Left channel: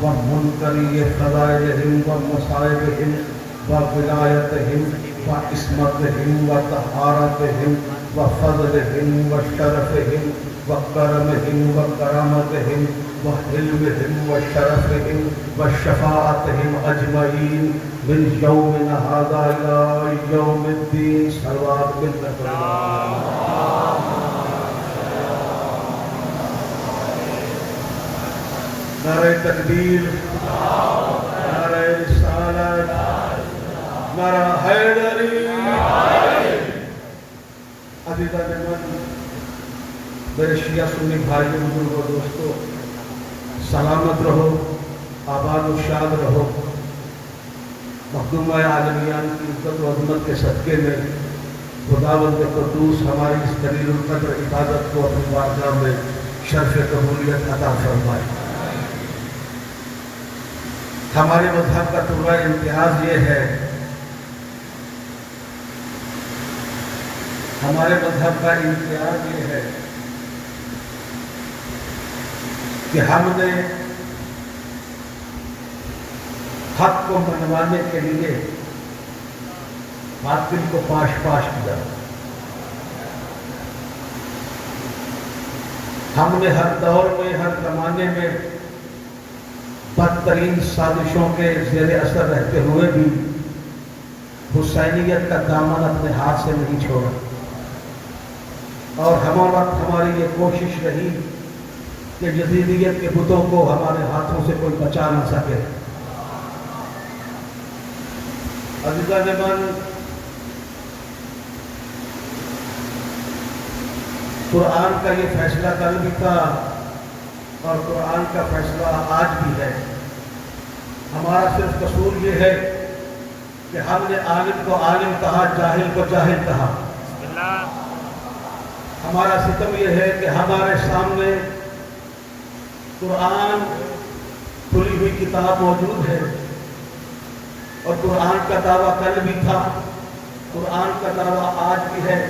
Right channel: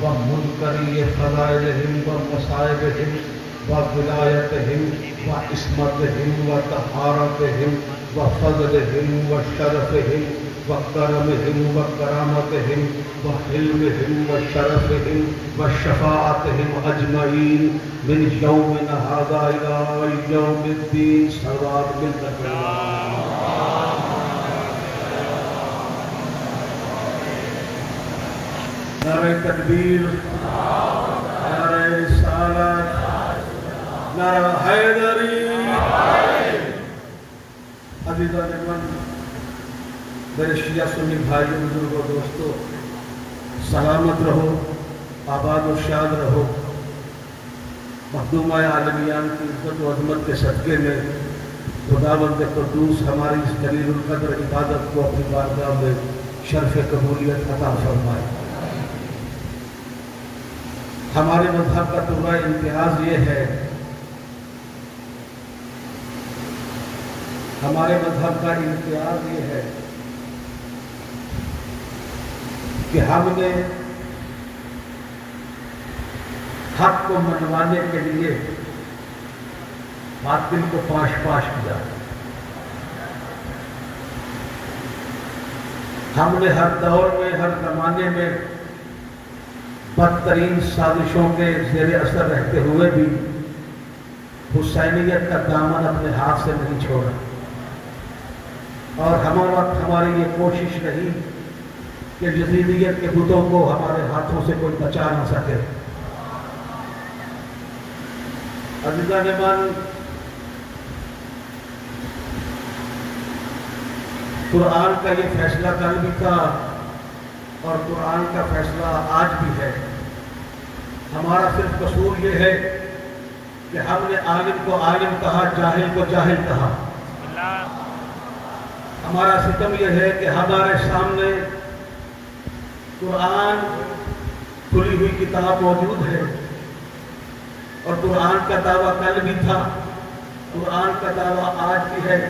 ومنکری فضائلہم ومصائبہم وولایتہم وعصمتہم وطہارتہم وفضلہم وشرفہم وکرمہم وکرامتہم وحلمہم وشرفہم وشفاعتہم اجمعین من یومنا ھذا الی یوم الدین صلوات بالتقویٰ. نعرہ تکبیر، نعرہ رسالت، نعرہ حیدری. عزیزان من، میرے شیعہ سنی بھائیوں بزرگوں دوستوں، سلامت رہو، آباد و شاد رہو. مخدومہ عالمیان کی عزت و عظمت کے صدقے میں خداوند قدوس ہماری اس جلیل القدر عبادت کو اپنی بارگاہ میں شرف قبولیت عطا فرمائے. ہمارے مذہب کا پورا امتیاز یہ ہے، ہمارے مذہب کا امتیاز یہ ہے کہ ہم نے حق کو منوانے کے لیے باطل کو پاش پاش کیا. ہم نے ہر دور میں، ہر زمانے میں بدترین سازشوں کے زیر اثر رہتے ہوئے بھی حسینیت کا دامن اپنے ہاتھ سے نہیں چھوڑا، اور ہمارا وقت ہماری یہ کوشش رہی کہ یزیدیت کے بتوں کو ہمارے ہاتھوں سے کوئی بچا نہ سکے. عزیزان من، قرآن کا یہ فیصلہ کل بھی تھا اور قرآن کا فیصلہ آج بھی ہے. ہمارا صرف قصور یہ ہے کہ ہم نے عالم کو عالم کہا، جاہل کو جاہل کہا. ہمارا ستم یہ ہے کہ ہمارے سامنے قرآن کھلی ہوئی کتاب موجود ہے، اور قرآن کا دعویٰ کل بھی تھا، قرآن کا دعویٰ آج بھی ہے،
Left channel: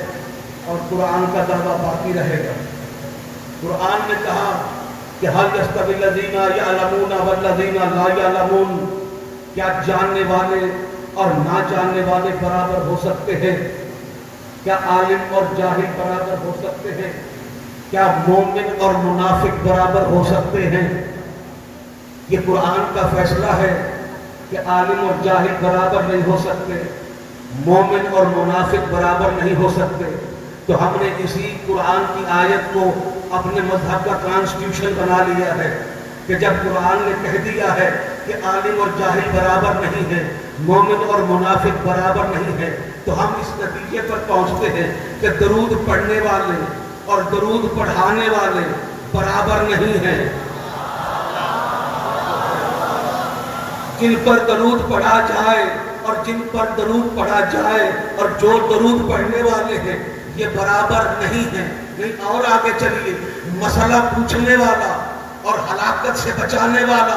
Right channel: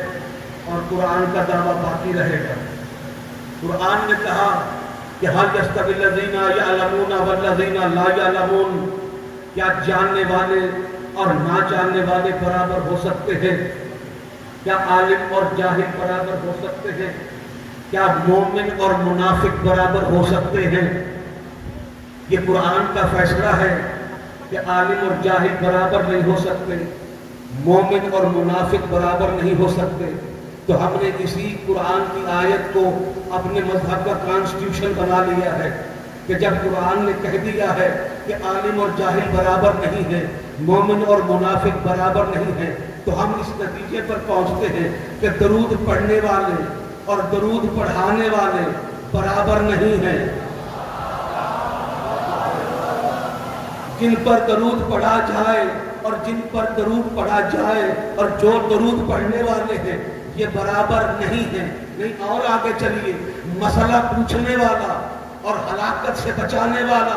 اور قرآن کا دعویٰ باقی رہے گا. قرآن نے کہا کہ هل يستوي الذين يعلمون والذين لا يعلمون، کیا جاننے والے اور نہ جاننے والے برابر ہو سکتے ہیں؟ کیا عالم اور جاہل برابر ہو سکتے ہیں؟ کیا مومن اور منافق برابر ہو سکتے ہیں؟ یہ قرآن کا فیصلہ ہے کہ عالم اور جاہل برابر نہیں ہو سکتے، مومن اور منافق برابر نہیں ہو سکتے. تو ہم نے اسی قرآن کی آیت کو اپنے مذہب کا کانسٹیٹیوشن بنا لیا ہے کہ جب قرآن نے کہہ دیا ہے کہ عالم اور جاہل برابر نہیں ہیں، مومن اور منافق برابر نہیں ہیں، تو ہم اس نتیجے پر پہنچتے ہیں کہ درود پڑھنے والے اور درود پڑھانے والے برابر نہیں ہیں. جن پر درود پڑھا جائے اور جن پر درود پڑھا جائے اور جو درود پڑھنے والے ہیں یہ برابر نہیں ہیں. نہیں، اور آگے چلیے، مسئلہ پوچھنے والا اور ہلاکت سے بچانے والا،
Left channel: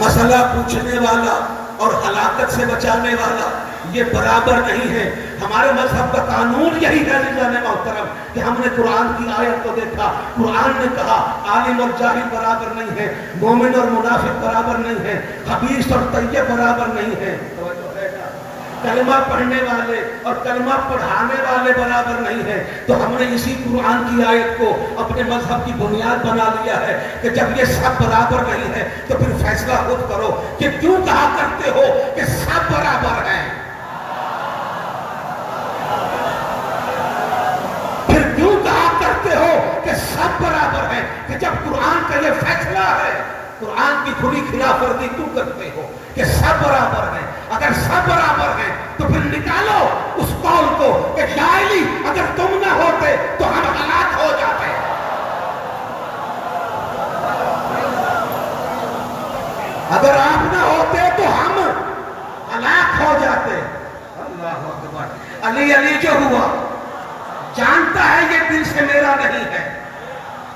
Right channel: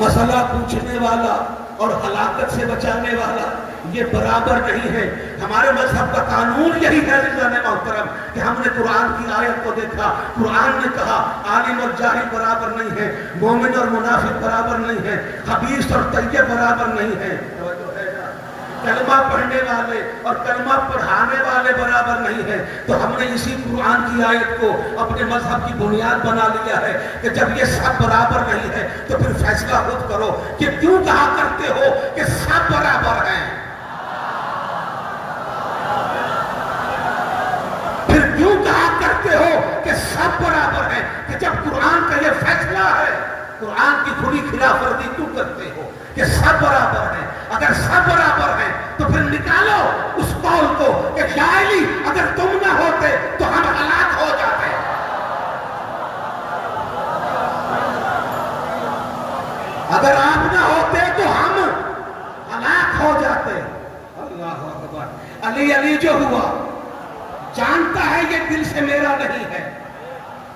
مسئلہ پوچھنے والا اور ہلاکت سے بچانے والا یہ برابر نہیں ہے. ہمارے مذہب کا قانون یہی ہے عزیزان محترم کہ ہم نے قرآن کی آیت کو دیکھا، قرآن نے کہا عالم اور جاہل برابر نہیں ہے، مومن اور منافق برابر نہیں ہے، خبیث اور طیب برابر نہیں ہے، کلمہ پڑھنے والے اور کلمہ پڑھانے والے برابر نہیں ہیں. تو ہم نے اسی قرآن کی آیت کو اپنے مذہب کی بنیاد بنا لیا ہے کہ جب یہ سب برابر نہیں ہے تو پھر فیصلہ خود کرو کہ کیوں کہا کرتے ہو کہ سب برابر ہیں. پھر کیوں کہا کرتے ہو کہ سب برابر ہیں کہ جب قرآن کا یہ فیصلہ ہے، قرآن کی کھلی خلاف ورزی کیوں کرتے ہو کہ سب برابر ہیں؟ اگر سب برابر ہیں تو پھر نکالو اس قول کو کہ شاعری اگر تم نہ ہوتے تو ہم ہلاک ہو جاتے. اگر آپ نہ ہوتے تو ہم ہلاک ہو جاتے. اللہ اکبر. علی جو ہوا جانتا ہے یہ دل سے میرا نہیں ہے،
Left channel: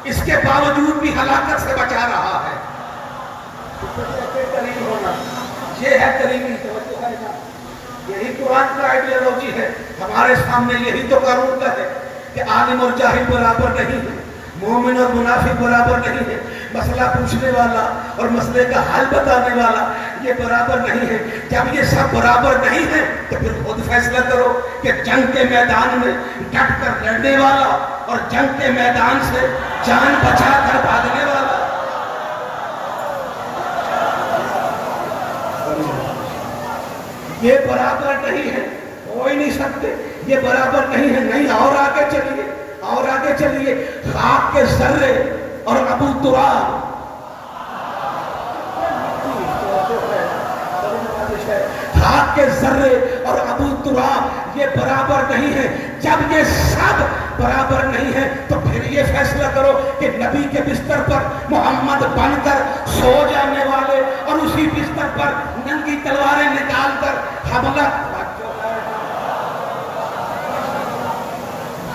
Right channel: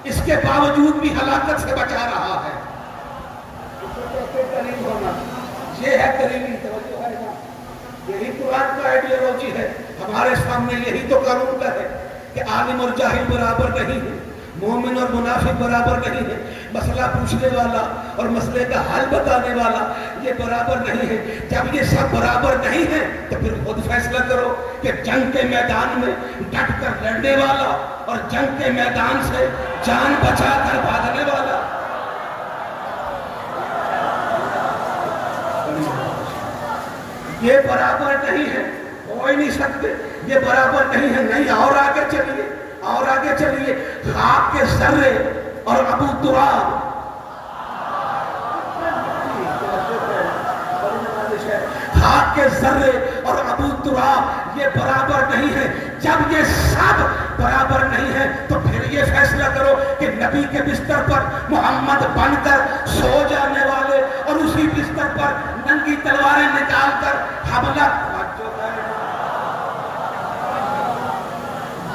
اس کے باوجود بھی ہلاکت سے بچا رہا ہے. کریم ہونا یہ ہے کریمی توجہ ہے نا. یہی قرآن کا آئیڈیالوجی ہے. ہمارے سامنے یہی تو قانون کا ہے کہ عالم اور جاہل برابر نہیں ہے، مومن اور منافق برابر نہیں ہے، مسئلہ پوچھنے والا اور مسئلے کا حل بتانے والا یہ برابر نہیں ہے۔ جب یہ سب برابر نہیں ہے تو پھر خود فیصلہ کرو کہ جنگ کے میدان میں ڈٹ کر لڑنے والا اور جنگ کے میدان سے جان بچا کر بھاگنے والا یہ برابر نہیں ہے، ہو ہی نہیں سکتے، یہ برابر نہیں ہے۔ نہیں، اور آگے چلیے، اور آگے چلیے۔ خاک کے ذرے اور ابو تراب، خاک کے ذرے اور ابو تراب یہ برابر نہیں ہے۔ جب یہ سب برابر نہیں ہے تو پھر یہ فیصلہ کرو کہ نبی کے بستر پر محمد بن کر سو جانے والے اور اسی بستر پر ننگی تلواریں نکال کر حملہ،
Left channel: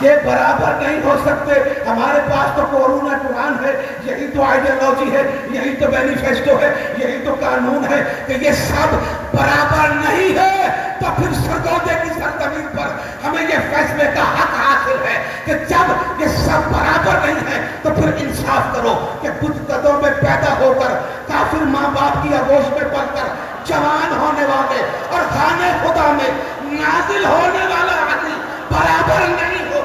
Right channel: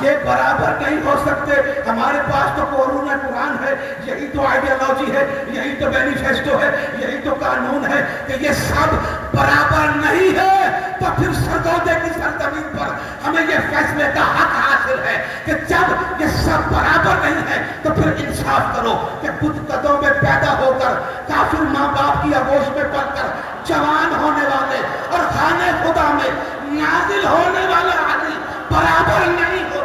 یہ برابر نہیں ہو سکتے۔ ہمارے پاس تو قرآن ہے، یہی تو آئیڈیالوجی ہے، یہی تو مینیفیسٹو ہے، یہی تو قانون ہے کہ یہ سب برابر نہیں ہے۔ تو پھر سرگودے کی سرزمین پر ہمیں یہ فیصلے کا حق حاصل ہے کہ جب یہ سب برابر نہیں ہے تو پھر انصاف کرو کہ کچھ قدوں میں پیدا ہو کر کافر ماں باپ کی آغوش میں پڑھ کر جوان ہونے والے اور خانے خدا میں نازل ہونے والا عدل برابر نہیں ہو۔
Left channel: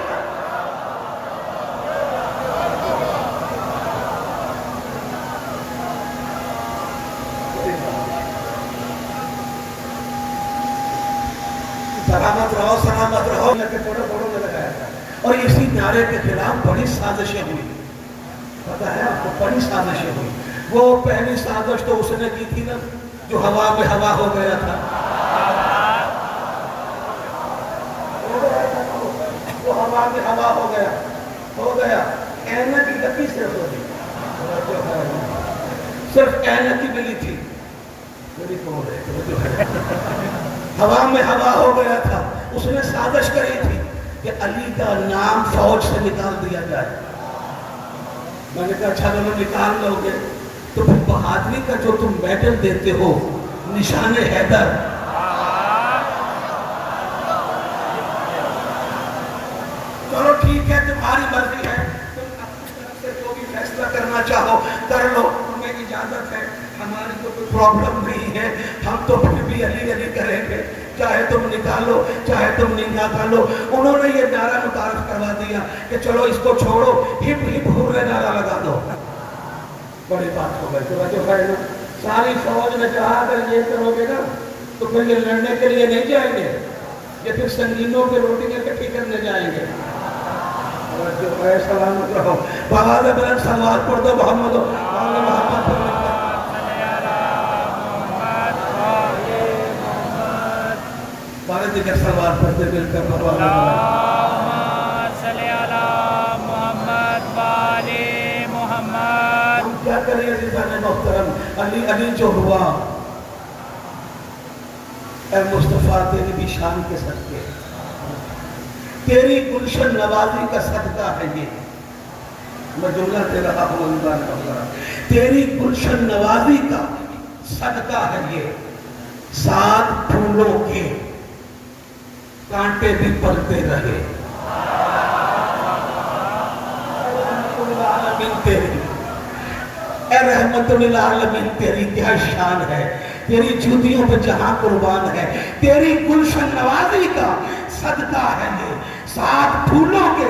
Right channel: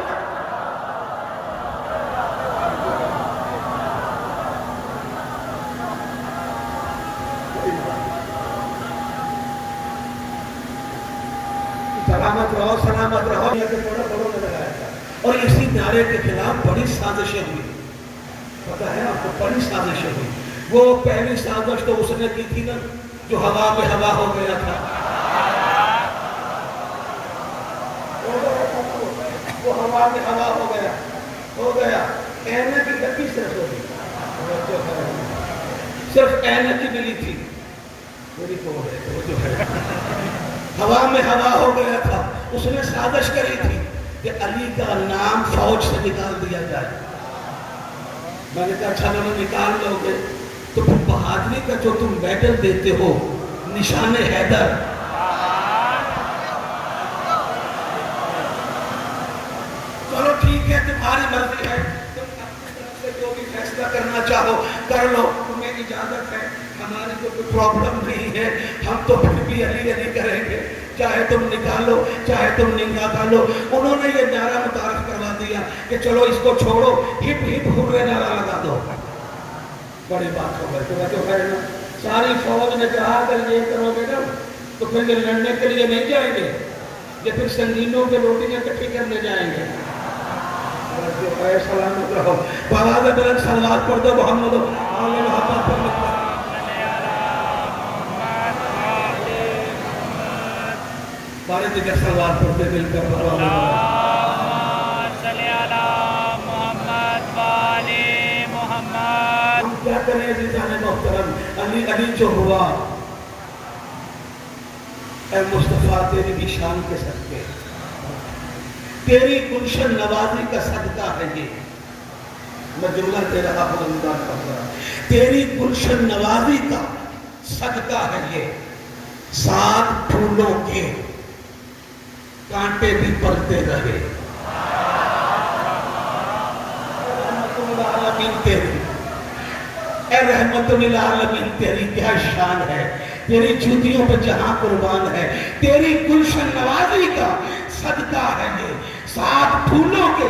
سلامت رہو، سلامت رہو، یہ فوٹو میں لگایا تھا اور اسی نعرے کے خلاف بڑی سازشیں ہوئی، پتہ ہے آپ کو، بڑی سازشیں ہوئی۔ وہ پہلی سازش تو اس نے کی تھی نا جو ہوا میں ہوا ہو گیا تھا، وہ ہوا میں ہوا ہو گیا، کہنے کی لگی صرف ہوئی، صرف کہنے کی ملی تھی، میری تو ہے ہوا میں ہوا ہو گیا تھا۔ اس نے سازش کری تھی کہ علی کا نام فوج سے نکال دیا جائے۔ میں نے کہا اچھا لوگ نکال لو گے تو پھر بہادری کا جو تم میڈل دیتے ہو نشان حیدر، چلو ٹھیک ہے، تمہاری مرضی ہے، تم اپنی طرف سے جو بھی فیصلہ کرنا چاہو کر لو، تمہیں اجازت ہے، ہماری تو کوئی پرابلم نہیں ہے، ہم تو پھر بھی علی علی کریں گے، چاہے تم نکالو چاہے تم نہیں نکالو۔ انہوں نے یہ نعرہ متعارف کروا دیا کہ چلو اس کو چھوڑو، ہپ ہپ ہورے نعرہ لگا دو۔ بڑی بات ہو گئی، ساری فوج نے کہا اگر یہ کرو گے نا تو پھر یہ لڑنے کے لیے نہیں جائیں گے، یہ پھر سنگینوں کے روٹیاں اکٹھی کرنے جائیں گے۔ سلامت رہو، بغاز بلند سلوات پڑھ دو محمد محمد سارے دیگر سلوات پڑھتے مل کر ہم کیا کریں عزیزان محترم؟ علی علی جو ہوا، اے مصطفیٰ تیری بھی شان کے صدقے، تیری گلشن نوازی کا صدقہ ہے یہ، میں جملہ تیرا انداز کر رہا، تیری گلشن نوازی کا صدقہ ہے یہ، سات پھولوں کے کانٹے بھی پلتے رہے، اے رحمت للعالمین تیری کیا شان ہے، تیری جوتیوں پہ جہاں قربان ہے، تیری گلشن نوازی کا صدقہ ہے یہ، سات پھولوں کے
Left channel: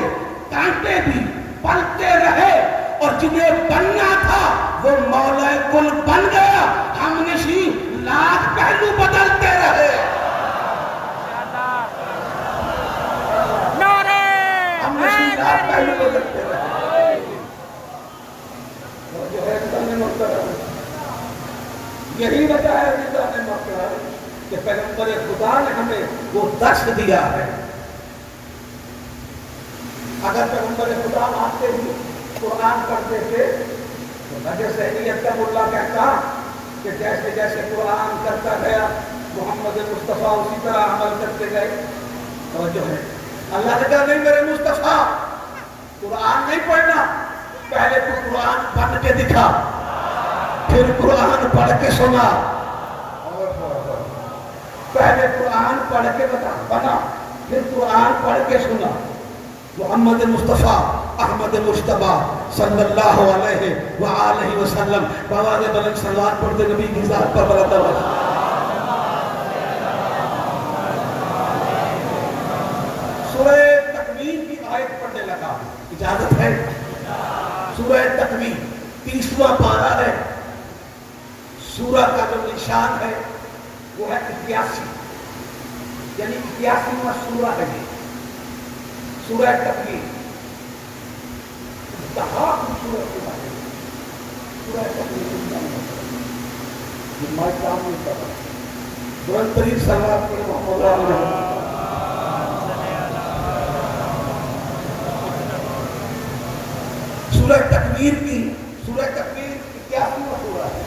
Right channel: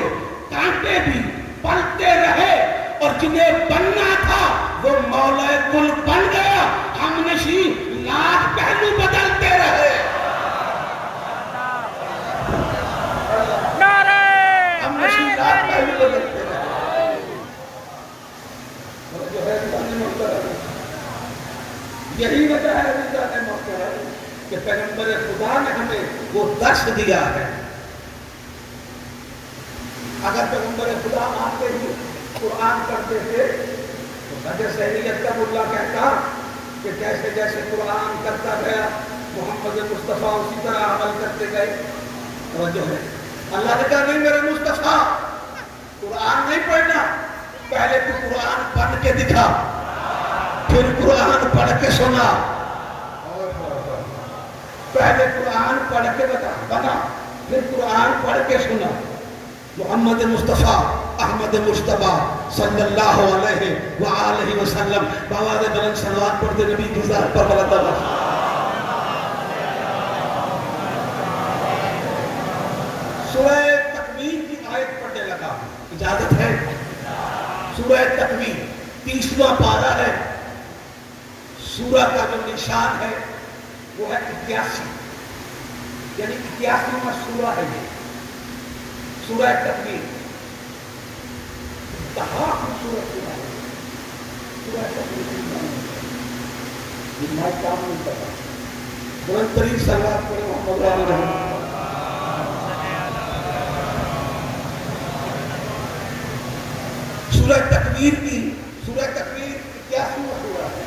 کانٹے بھی پلتے رہے، اور جنہیں بننا تھا وہ مولا کل بن گیا، ہم نشین لاکھ پہلو بدلتے رہے، ہم نشین لاکھ پہلو بدلتے رہے۔ یہی وجہ ہے کہ پیغمبر خدا نے ہمیں وہ درس دیا ہے۔ اگر پیغمبر خدا آتے ہی قرآن پڑھتے تھے تو حضرت سہیلیت کا ملا کہتا کہ جیسے جیسے قرآن کرتا گیا محمد مصطفیٰ اسی طرح عمل کرتے گئے۔ توجہ ہے، اللہ نے کہا نہیں میرے مصطفیٰ قرآن نہیں پڑھنا، پہلے تو قرآن پڑھ کے دکھا، پھر قرآن پڑھ کے سنا، پہلے قرآن پڑھ کے بنا، پھر قرآن پڑھ کے سنا۔ محمد مصطفیٰ احمد مجتبیٰ صلی اللہ علیہ وآلہ وسلم. بآواز بلند صلوات پڑھتے نبی کی ذات پر بلند آواز. سورہ تکویر کی آیت پڑھنے لگا. اجازت ہے؟ سورہ تکویر 30واں پارہ ہے. سورہ کا جو نشان ہے وہ ہے 81، یعنی 81واں سورہ ہے یہ سورہ تکویر. کہاں خوبصورت سورہ ہے سورہ تکویر. میں کیا نہیں پتا بلند ترین صلوات پڑھیں محمد علیہ. سورہ تکویر کی سورہ تکویر 81واں سورہ ہے.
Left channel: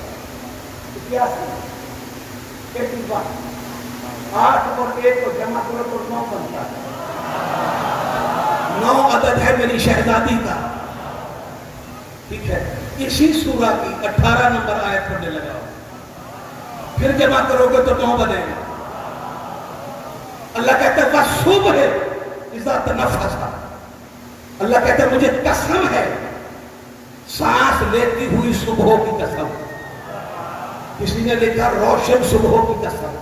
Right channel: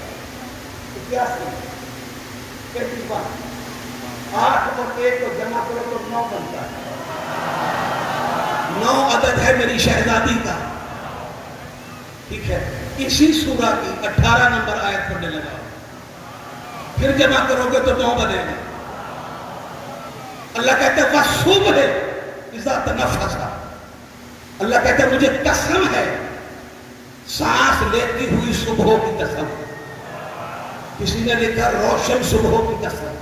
81 8 اور 1 کو جمع کرو تو 9 بنتا ہے. 9 عدد ہے میری شہزادی کا. ٹھیک ہے. اسی سورہ کی 18 نمبر آیت پڑھنے لگا. پھر جمع کرو گے تو 9 بنے گا. اللہ کہتا ہے وَالصُّبْحِ اِذَا تَنَفَّسَ. اللہ کہتا ہے مجھے قسم ہے سانس لیتی ہوئی صبح کی قسم. کسی نے لکھا روشن صبح کی قسم.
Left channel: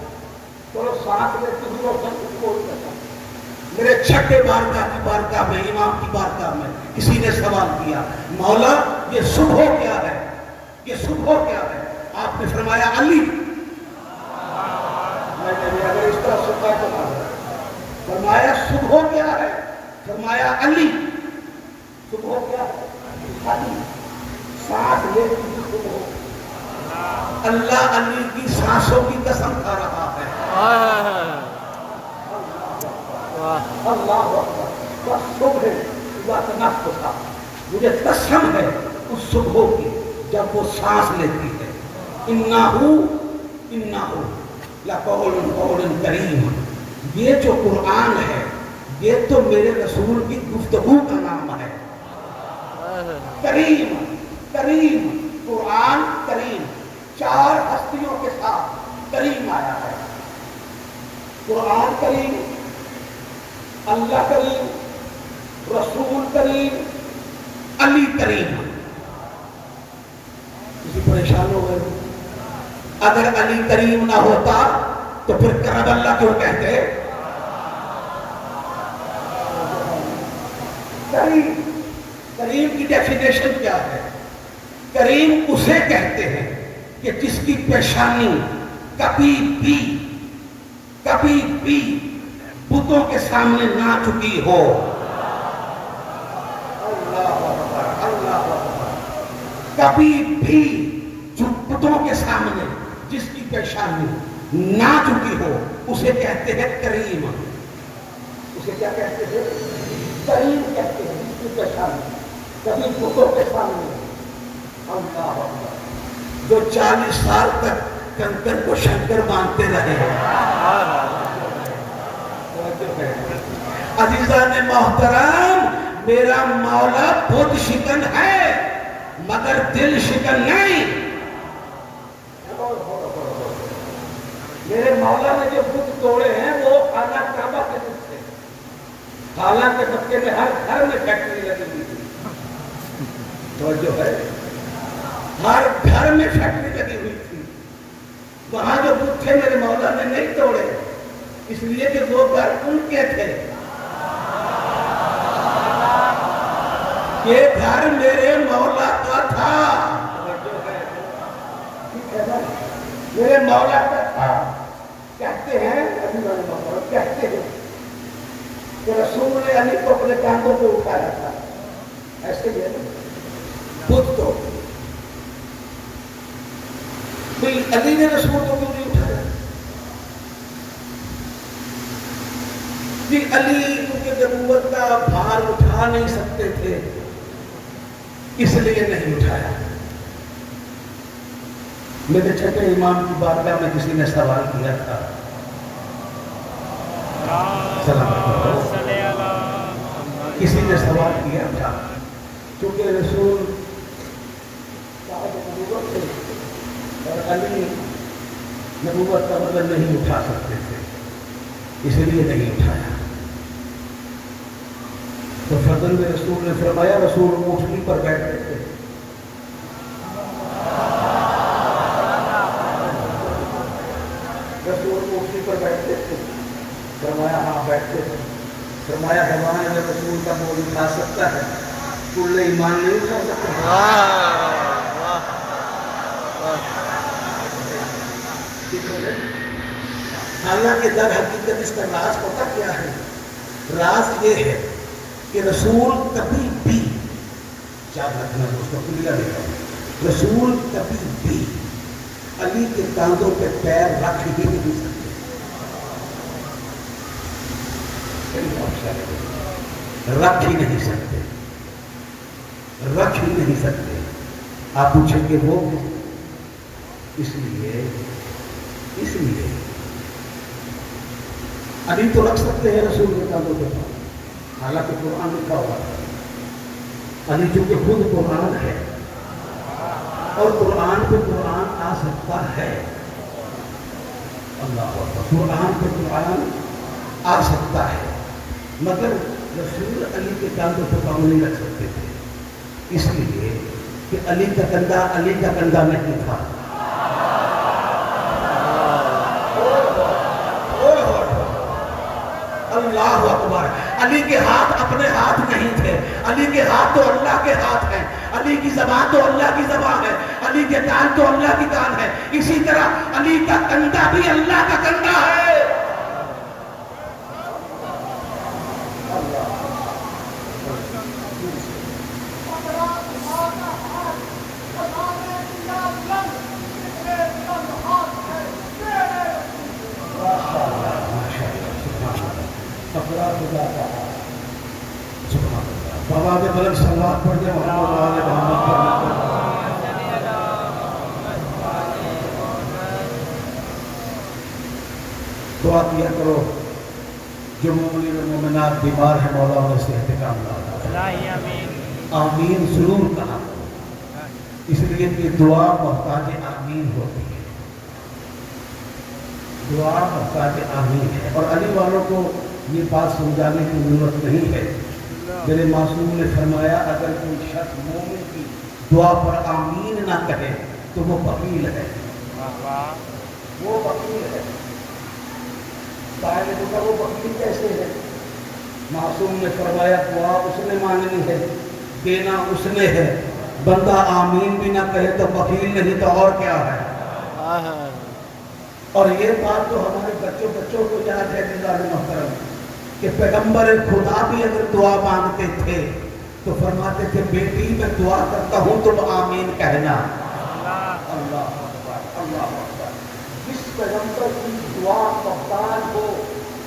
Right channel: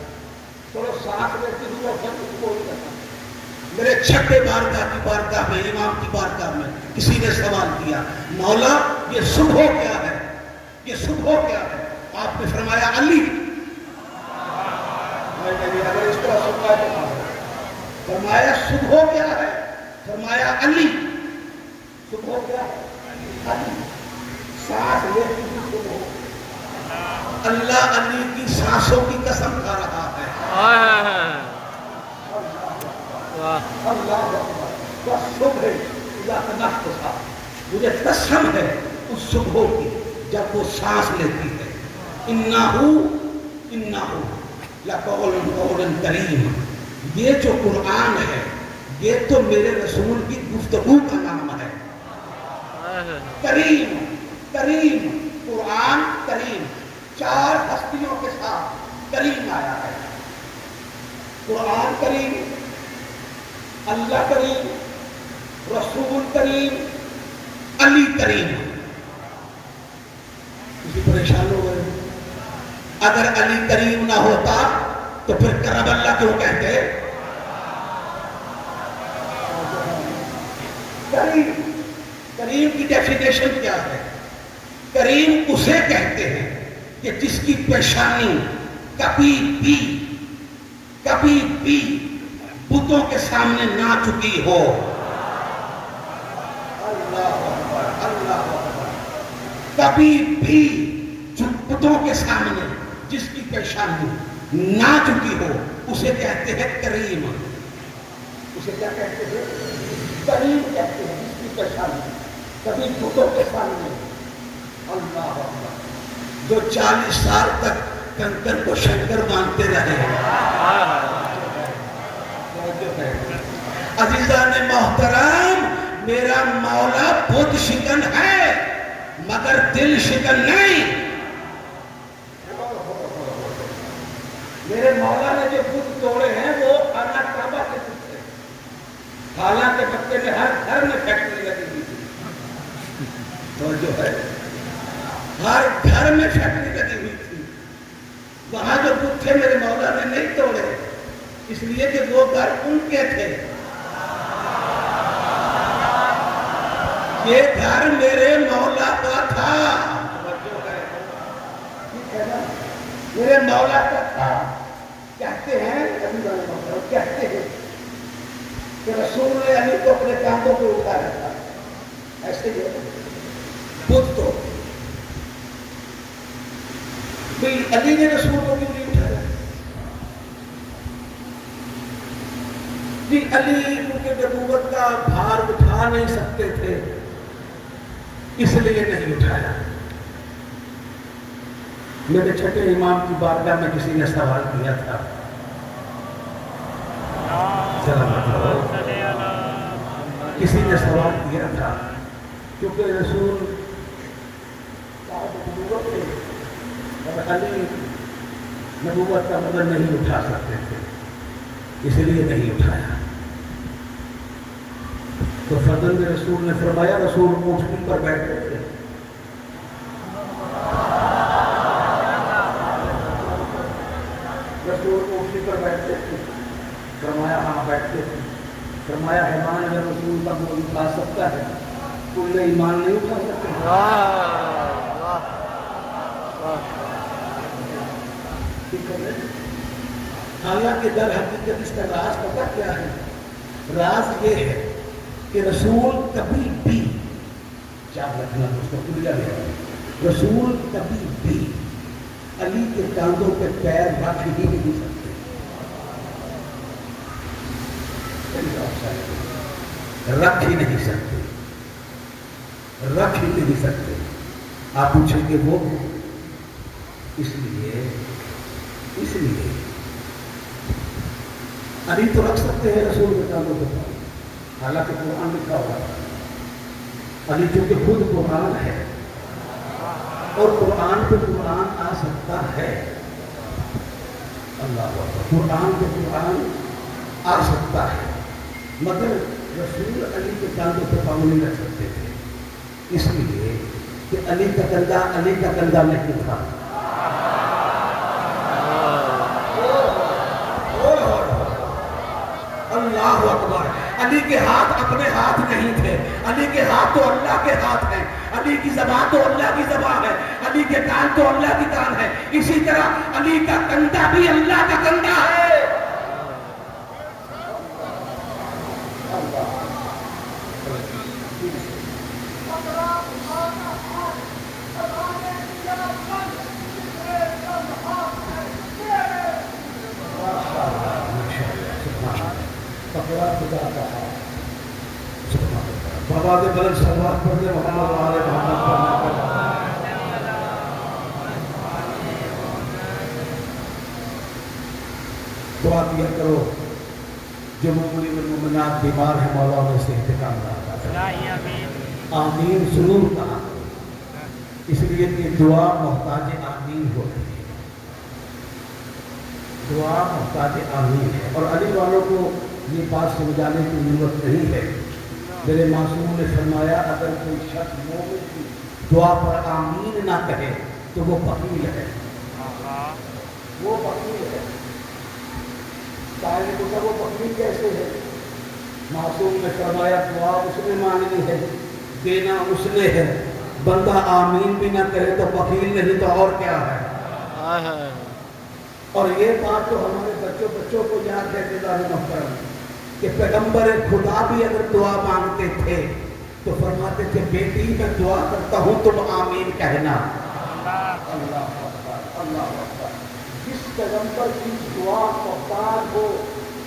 چلو سانس لیتی ہوئی روشن صبح کی قسم. میرے چھٹے بارگاہ میں امام کی بارگاہ میں کسی نے سوال کیا مولا یہ صبح کیا ہے؟ یہ صبح کیا ہے؟ آپ نے فرمایا علی. اگر اس طرح سنتا تو فرمایا صبح کیا ہے؟ فرمایا علی. صبح کیا ہے؟ علی. سانس لیتی ہوئی صبح. اللہ علی کی سانسوں کی قسم کھا رہا ہے. اللہ صبح اذا تنفس. مجھے قسم ہے اس صبح کی جب وہ سانس لیتی ہے. انہو لقول کریم. یہ جو قرآن ہے یہ تو میرے رسول کی گفتگو کا نام ہے. کریم کریم قرآن کریم. 4 ہستیوں کے ساتھ کریم آیا ہے. قرآن کریم، اللہ کریم، رسول کریم، علی کریم. کسی پریشان ہو گئے؟ اگر علی کریم نہ ہوتا تو پھر کرم اللہ کیوں کہتے؟ کریم کریم کی ڈیفینیشن کیا ہے؟ کریم اسے کہتے ہیں کہ جس کی پیشانی کبھی بھی بتوں کے سامنے نہ چکی ہو. اللہ اکبر اللہ اکبر. کبھی بھی بتوں کے سامنے جس کی پیشانی نہ چکی ہو اسے کہتے ہیں کریم. اسے کیا کہتے ہیں؟ کریم کہتے ہیں جس کی پیشانی کبھی بتوں کے سامنے. اللہ اکبر. جو 40 سال تک کنکر کو شنکر مانتے رہے. عزیزان محترم میرا مولا بت شکن ہے مگر دل شکن نہیں. میرے مولا نے جو بت توڑے ہیں وہ خانہ کعبہ کے بت تھے. حالانکہ مکے میں ہر گھر میں فیکٹری لگی ہوئی تھی. تو جو ہے ہر گھر میں فیکٹری لگی ہوئی تھی. وہاں جو بت تھے میرے مولا نے نہیں توڑے اس لیے کہ وہ گھر ان کے تھے. یہ گھر میرے مولا کا تھا. میرے مولا کا تھا. کہتے ہیں کہ رسول نے علی کو اپنے کاندھوں پہ اٹھایا تھا. ایسے ہی بت تو علی نے رسول کو کیوں نہیں اٹھایا؟ علی کیونکہ نبوت کا بھار اٹھا نہیں سکتے تھے اس لیے نہیں اٹھایا. میرے چھٹے امام کی بارگاہ میں کسی نے سوال کیا تھا. کسی نے سوال کیا تھا کیونکہ رسول اور علی نبوت کا مطلب نہیں اٹھا سکتے تھے اس لیے نہیں اٹھایا. تو فرزند رسول نے فرمایا رسول اونٹنی پر بیٹھتے تھے. رسول اونٹنی پر بیٹھتے تھے. فرمایا ہاں بیٹھتے تھے. فرمایا حیوان اگر رسول کا بول اٹھا سکتا ہے کل ایمان نہیں اٹھا سکتا. حالانکہ در حقیقت اس کا راز پتہ کیا ہے؟ راز یہ ہے کہ رسول کبھی بھی یاد رکھنا اس کا کلیہ ہے. رسول کبھی بھی علی کے کاندھوں پہ پیر رکھ ہی نہیں سکتے. رکھ ہی نہیں سکتے. رکھ ہی نہیں سکتے. آپ پوچھیں گے وہ اس لیے علی تو رکھ سکتے ہیں رسول کے کاندھوں کے پاس. حالانکہ قرآن لکھا ہوا ہے. علی چونکہ خود قرآن ہے اور قرآن پہ قرآن آ سکتا ہے. اللہ اکبر. قرآن پہ قرآن آ سکتا ہے مگر رسول علی کے کاندھوں پہ پاؤں نہیں رکھ سکتے تھے. اس لیے کہ علی کا کندھا نہیں تھا. اللہ اکبر. علی کے ہاتھ اپنے ہاتھ نہیں تھے. علی کے ہاتھ تو اللہ کے ہاتھ ہیں. علی کی زبان تو اللہ کی زبان ہے. علی کے کان تو اللہ کی کان ہے. اسی طرح علی کا کندھا بھی اللہ کا کندھا ہے. بابا کے بلند صلوات پڑھنے محمد والے محمد پڑھنے. دعا کیا کرو جو مومنات بیمار ہیں مولا میں سے انتقام نہ. آمین ضرور کہا. اس لیے کہ دعا محتاج آمین ہوتی ہے. دعا محتاج آمین ہے. اور علی والوں کو یہ بات سمجھانے کی ضرورت نہیں ہے. میرے معصوم نے فرمایا اگر کوئی شخص مومن کی دعا پر آمین نہ کہے تو وہ بخیل ہے. وہ بخیل ہے. سائل کو وہ بخیل کیسے ہے؟ معصوم نے فرمایا دعا اس نے مانگنی ہے, دینا اس نے ہے. بندہ آمین بھی نہ کہے تو بخیل نہیں تو اور کیا ہے. اور یہ بات تو ہمارے بچوں کو یاد ہے کہ محترم کہ پیغمبر خدا بھی اگر دعا مانگتے تھے تو فرماتے تھے بیٹی میں دعا کرتا ہوں تم آمین کہنا. اللہ اکبر. اللہ اکبر. جس پیغمبر کی دعا محتاج ہو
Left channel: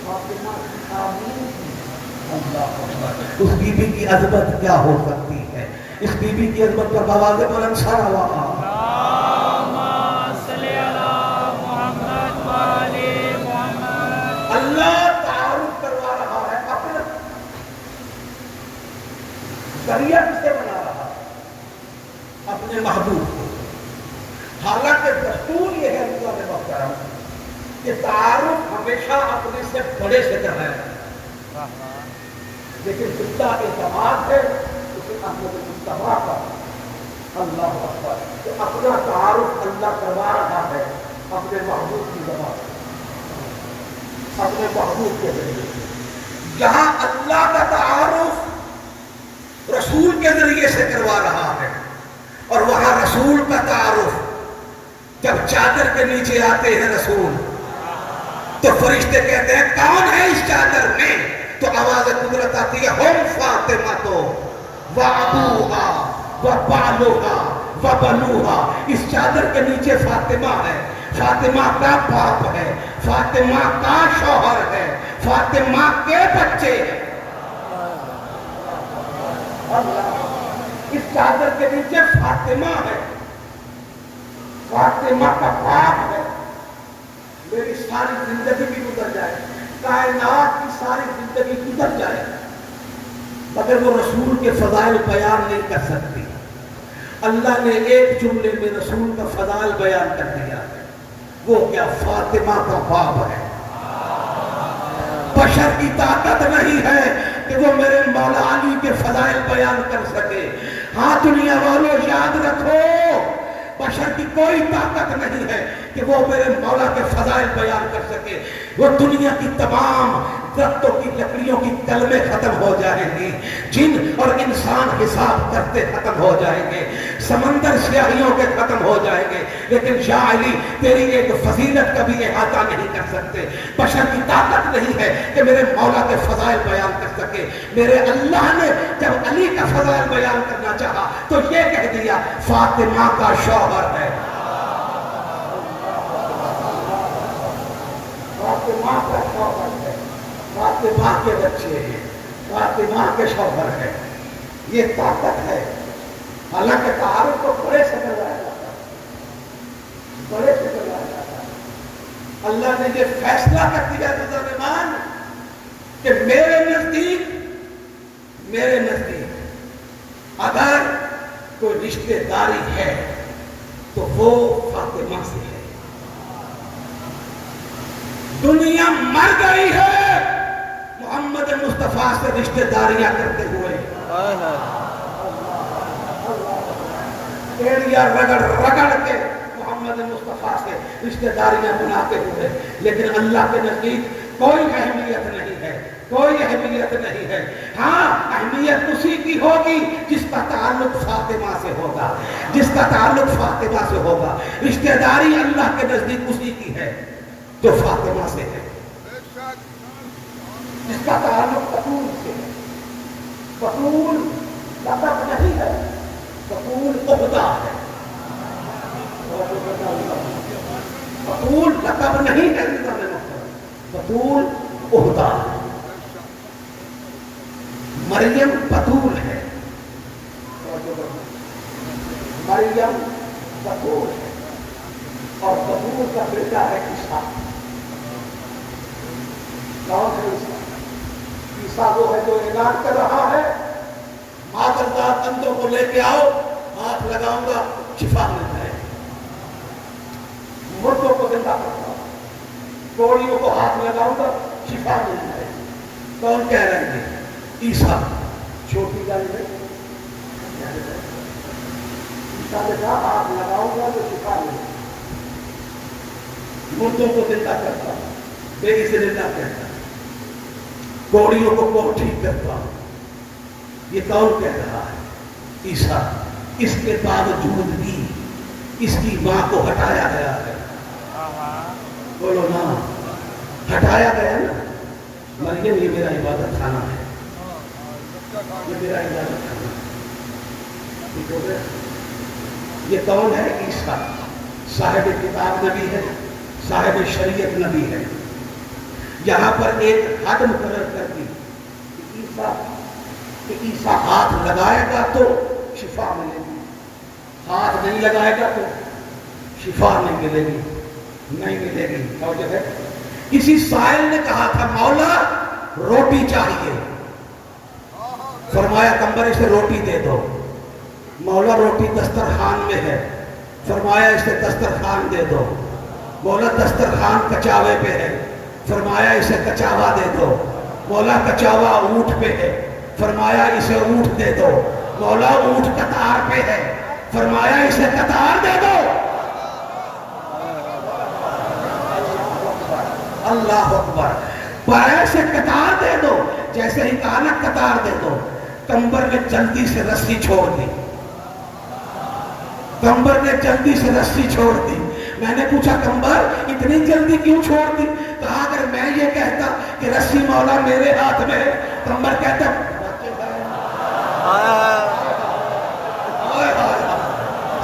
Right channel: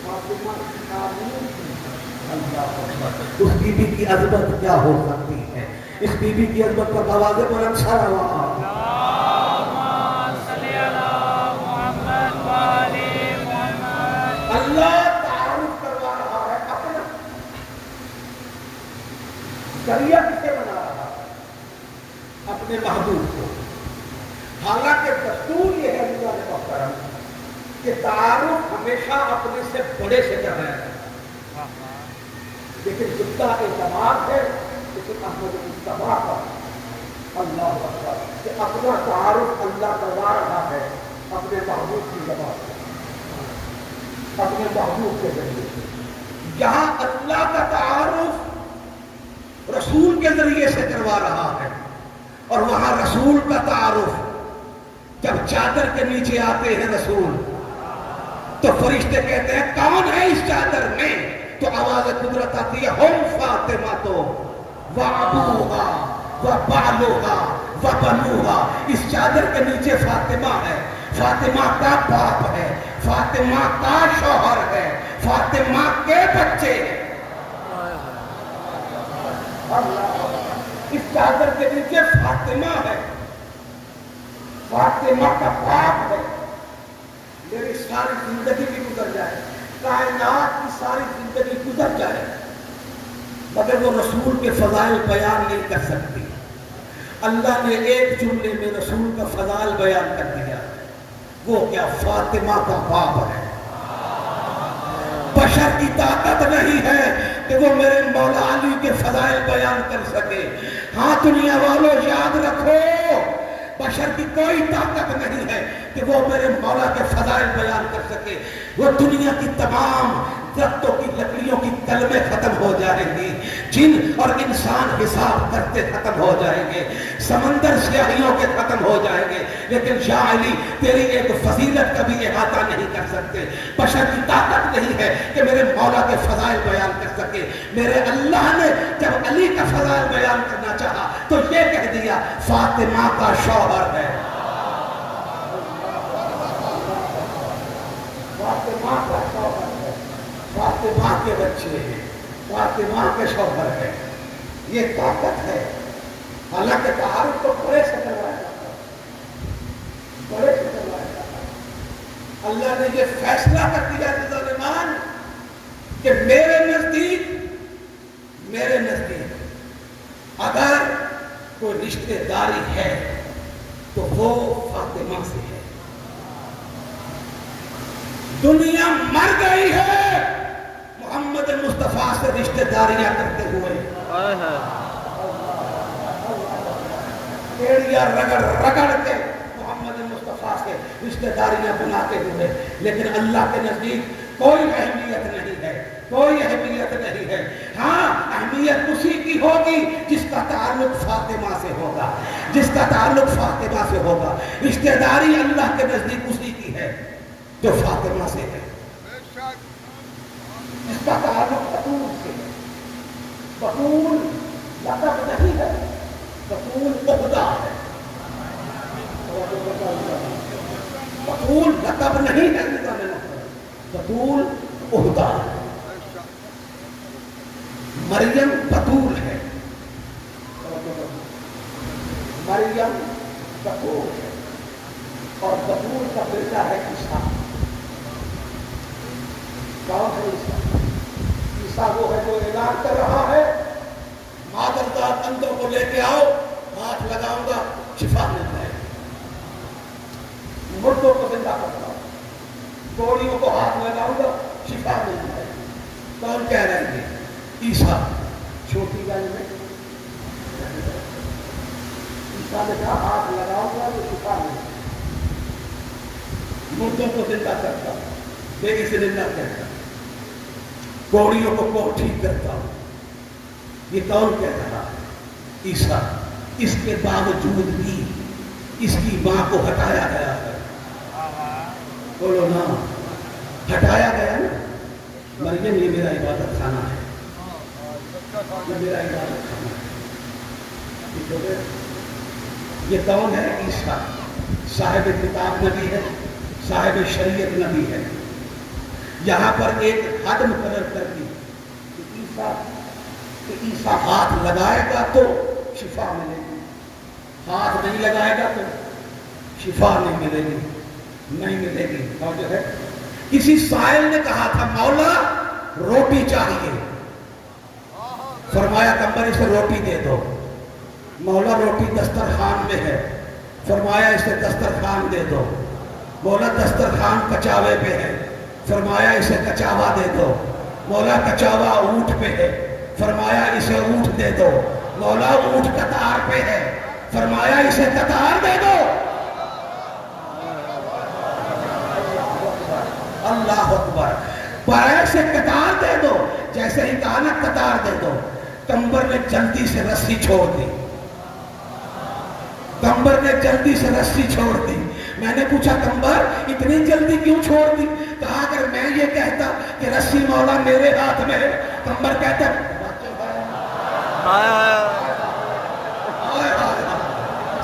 فاطمہ کی آمین کی. اللہ اکبر. اس بیوی کی عظمت کیا ہو سکتی ہے؟ اس بیوی کی عظمت پر آواز بلند سارا ہوا. اللہ تعارف کروا رہا ہے اپنا ذریعہ سے بنا رہا ہے اپنے محبوب کو. حالانکہ دستور یہ ہے اللہ نے محترم کہ تعارف ہمیشہ اپنے سے بڑے سے کرنا ہے. لیکن جتنا اعتماد ہے لیکن احمد مصطفیٰ کا اللہ اکبر کہ اپنا تعارف اللہ کروا رہا ہے اپنے محبوب کی زبان اپنے محبوب کے ذریعے. یہاں اللہ کا تعارف رسول کے ذریعے سے کروا رہا ہے اور وہاں رسول کا تعارف جب چادر کے نیچے آتے ہیں رسول تو فرشتے کہتے ہیں کون ہے اس چادر میں؟ تو آواز قدرت آتی ہے ہم فاطمہ تو وابوہا وبالوہا وبنوہا. اس چادر کے نیچے فاطمہ ہے. فاطمہ کا باپ ہے. فاطمہ کا شوہر ہے. فاطمہ کے بچے. اس چادر کے نیچے فاطمہ ہے. فاطمہ کا باپ ہے. میری ساری زندگی بھی گزر جائے, کائنات کی ساری زندگی گزر جائے, مگر وہ رسول کے فضائل بیان نہیں کر سکتی. اللہ نے ایک جملے میں رسول کا فضائل بیان کر دیا. وہ کیا؟ فاطمہ کا باپ ہے. بشر کی طاقت نہیں ہے, کہ وہ میرے مولا علی کے فضائل بیان کر سکے۔ ہاں دنیا والوں یاد رکھو، بشر کی کوئی طاقت نہیں ہے کہ وہ میرے مولا کے فضائل بیان کر سکے۔ وہ دنیا کی تمام درختوں کی لکڑیوں کی کلمیں ختم ہو جائیں گی، جن اور انسان حساب کرتے ختم ہو جائیں گے، سمندر سیاہیوں کے ختم ہو جائیں گے، لیکن یا علی تیری ایک فضیلت کا بھی احاطہ نہیں کر سکتے۔ بشر کی طاقت نہیں ہے کہ میرے مولا کے فضائل بیان کر سکے۔ میرے اللہ نے جب علی کا فضائل بیان کرنا چاہا تو یہ کہہ دیا فاطمہ کا شوہر ہے، فاطمہ کا شوہر ہے، فاطمہ کے بچے ہیں، فاطمہ کے شوہر ہے۔ یہ طاقت ہے۔ حالانکہ تعارف تو بڑے سے کروایا جاتا ہے، بڑے سے کروایا جاتا ہے۔ اللہ نے یہ فیصلہ کر دیا درمیان کہ میرے نزدیک اگر کوئی رشتے داری ہے تو وہ فاطمہ سے ہے۔ دنیا مر گئی ہے محمد مصطفیٰ سے رشتے داریاں کرتے ہوئے، رگڑ رگڑ کے محمد مصطفیٰ سے رشتے داریاں بناتے ہوئے، لیکن اللہ کے نزدیک کوئی اہمیت نہیں ہے، کوئی اہمیت نہیں ہے۔ ہاں اہمیت اسی کی ہوگی جس کا تعلق فاطمہ سے ہوگا، جس کا تعلق فاطمہ سے ہوگا۔ رشتے داری اللہ کے نزدیک اسی کی ہے جو فاطمہ سے ہے، جس کا تعلق بطول سے ہے۔ بطول لقب نہیں ہے، بطول عہدہ ہے۔ بطول لقب نہیں ہے، بطول عہدہ ہے۔ مریم بطول ہے، مریم بطول ہے، اور بطول کا بیٹا ہے عیسیٰ۔ کون ہے عیسیٰ؟ عیسیٰ وہ ہے جو اعلان کر رہا ہے معذرات اندر کو لے کے آؤ، ہاتھ لگاؤں گا شفا مل جائے، مردوں کو زندہ کرتا ہوں، کوڑیوں کو ہاتھ لگاؤں گا شفا مل جائے۔ کون کہہ رہے ہیں؟ عیسیٰ۔ چھوٹی گل میں عیسیٰ نے کہا ہاتھ لگاؤں گا تو شفا مل جائے، مردوں کو زندہ کرتا ہوں، بے زندہ کرتا ہوں، کوڑیوں کو ٹھیک کرتا ہوں۔ یہ کون کہہ رہا ہے؟ عیسیٰ۔ اس کے باوجود بھی اس کی ماں کو ہٹایا گیا ہے۔ بولو نا، ہٹایا گیا نا۔ مریم یہ میرا عبادت خانہ ہے، یہ میرا عبادت خانہ ہے۔ یہ کون ہے؟ عیسیٰ۔ صاحب کتاب نبی ہے، صاحب شریعت نبی ہے۔ یہاں پر ایک حد مقرر کر دی کہ عیسیٰ ہاتھ لگائے گا تو شفا ملے گی، ہاتھ نہیں لگائے گا تو شفا نہیں ملے گی، نہیں ملے گی۔ اور جو ہے کسی سائل نے کہا تھا مولا روٹی چاہیے، فرمایا کمبر اسے روٹی دے دو۔ مولا روٹی دسترخوان میں ہے، فرمایا اسے دسترخوان دے دو۔ مولا دسترخوان کچاوے پہ ہے، فرمایا اسے کچاوا دے دو۔ مولا کچاوا اونٹ پہ ہے، فرمایا اسے اونٹ دے دو۔ مولا اونٹ قطار پہ ہے، فرمایا اسے قطار دے دو۔ اللہ اکبر۔ پائے سے قطار دے دو، جیسے ہی کہا نا قطار دے دو، کمبر نے جلدی سے رسی چھوڑ دی، کمبر نے جلدی سے رسی چھوڑ دی۔ میں نے پوچھا کمبر اتنی جلدی کیوں چھوڑ دی؟ کہا اگر میں یہ کہتا کہ رسی مولا میرے ہاتھ میں ہے، کمبر کہتا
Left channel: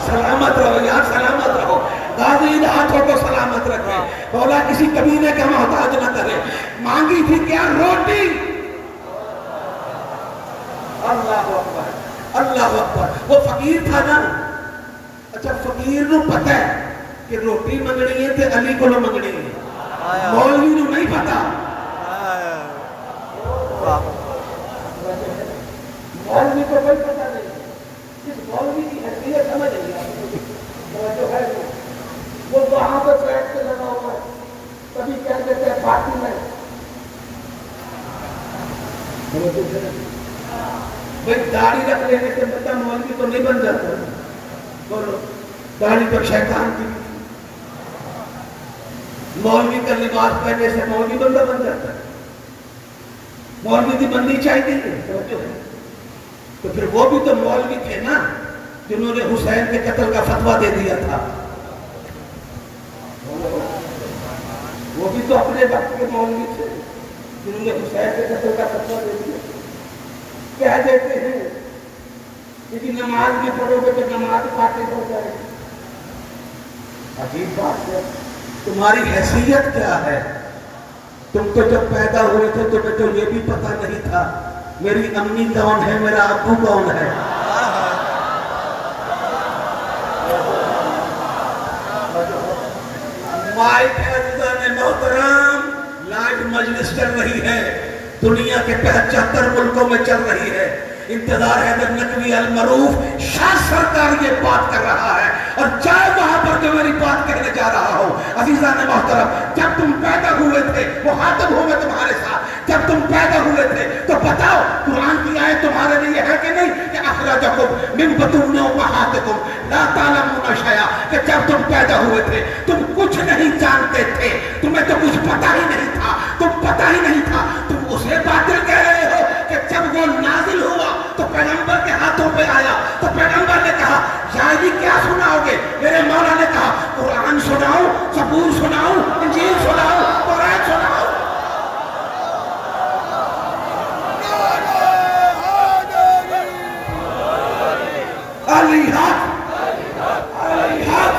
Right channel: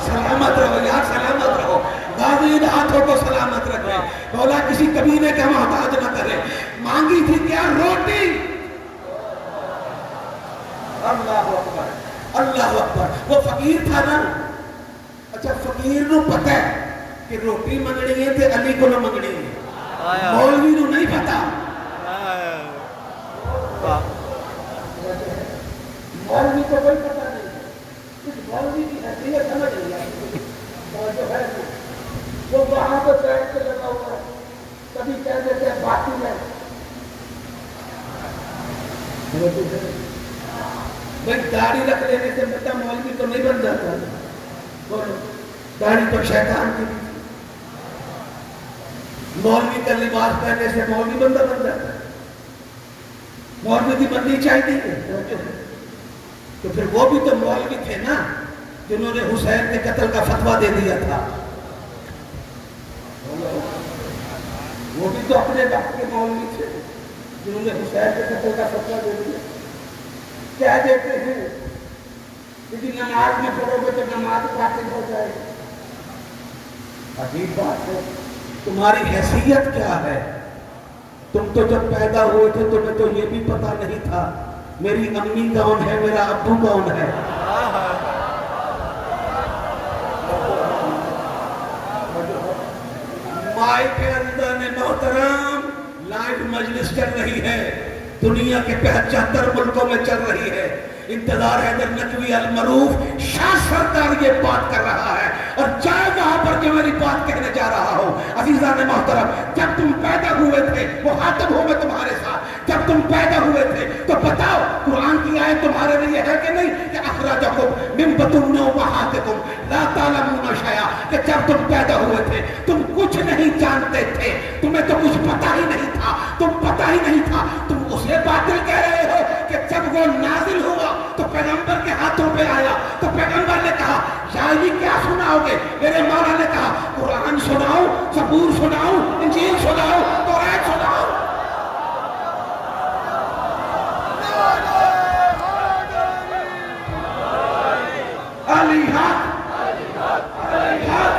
سلامت رہو یار، سلامت رہو، غازی ان ہاتھوں کو سلامت رکھے، مولا کسی کمینے کا محتاج نہ کرے۔ مانگی تھی کیا؟ روٹی۔ اللہ اکبر، اللہ اکبر۔ وہ فقیر تھا نا، اچھا فقیر نو پتہ ہے کہ روٹی منگنی ہے تے علی کو منگنی ہے، مولوی نو نہیں پتا۔ مولوی کو کوئی پتہ نہیں، اس مولوی کی حیثیت سمجھ نہیں آتی۔ جو ہے وہ وہاں پہ بیٹھ کے لگا ہوا ہے، کبھی کہہ دیتے ہیں باقی میں داڑھی رکھ لینے سے بچہ مولوی تو نہیں بن جاتا ہے، اور داڑھی تو شیطان کی، مولوی کا لباس پہننے سے مولوی بندہ بن جاتا ہے، مولوی کی بندی چاہیے تو پھر وہ بھی تو مولوی تھے نا جنہوں نے حسین کے قتل کا فتویٰ دے دیا تھا، وہ بھی تو اپنے وقت کے مولوی تھے جنہوں نے حسین کے قتل کا فتویٰ دے دیا۔ کیا دیتے ہیں کہ نماز میں پڑھو گے تو نماز فاسد ہو جائے گی۔ عجیب بات ہے، تمہاری حیثیت کیا ہے؟ تم تو جب پیدا ہوئے تھے تمہیں تو یہ بھی پتہ نہیں تھا میری امی کون ہے، میرا ابو کون ہے۔ مائی کے اندر محترم لائیو مجلس چل رہی ہے، دنیا کے 75 ملکوں میں چل رہی ہے، انتظار حیدر نقوی المعروف شاہ سرکار یہ بات کر رہا ہے، اور چاہے وہاں پر جو میری بات کہنے جا رہا ہوں۔ عزیزان محترم، جب تم پیدا ہوئے تھے وہ خاطب ہوں میں تمہارے ساتھ، جب تم پیدا ہوئے تھے تو بتاؤ قرآن کی آیت تمہارے لیے ہے کہ نہیں کہ اخرجکم من بطون امہاتکم لا تعلمون شیئا، کہ جب تم پیدا ہوئے تھے تم کچھ نہیں جانتے تھے، تمہیں تو کچھ پتہ ہی نہیں تھا، تم پتہ ہی نہیں تھا، تم اسے باطل کہہ رہے ہو کہ جب وہ نازل ہوا تو پیغمبر کے ہاتھوں پہ آیا تو پیغمبر نے کہا یا یہ کیا سناؤ گے؟ میرے مولا نے کہا قرآن سناؤ، زبور سناؤ، انجیل سناؤ، قرآن سناؤ۔ علی حق، علی حق،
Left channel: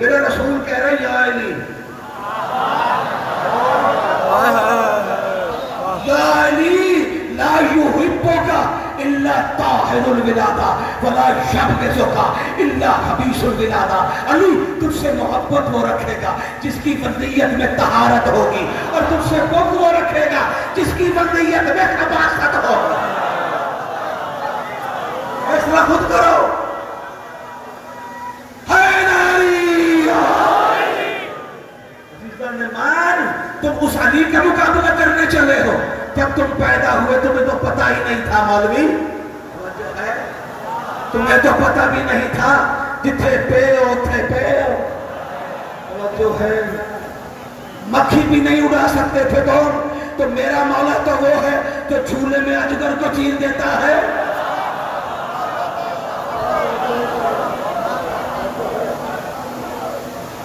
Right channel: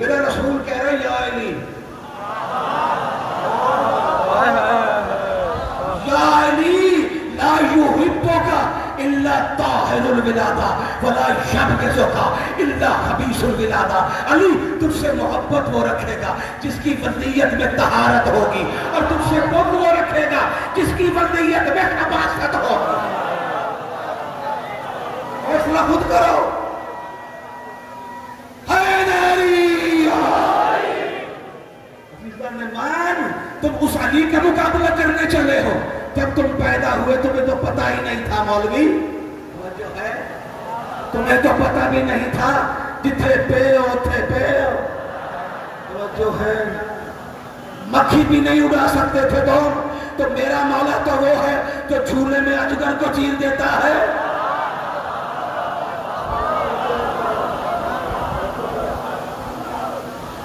میرا رسول کہہ رہے یا علی، یا علی لا یحبک الا طاہر الولادہ ولا یبغضک الا خبیث الولادہ۔ علی تجھ سے محبت وہ رکھے گا جس کی ولیت میں طہارت ہوگی، اور تجھ سے بغض وہ رکھے گا جس کی ولیت میں خباثت ہو۔ فیصلہ خود کرو۔ تم اس علی کا مقابلہ کرنے چلے ہو، جب تم پیدا ہوئے تمہیں تو پتہ ہی نہیں تھا مولوی، جو ہے تمہیں تو پتہ بھی نہیں تھا، جتھے پے اوتھے پے، جو ہے مکھی بھی نہیں اڑا سکتے تھے تو میرا مولا تو وہ ہے جو جھولے میں اجگر کو چیر دیتا ہے۔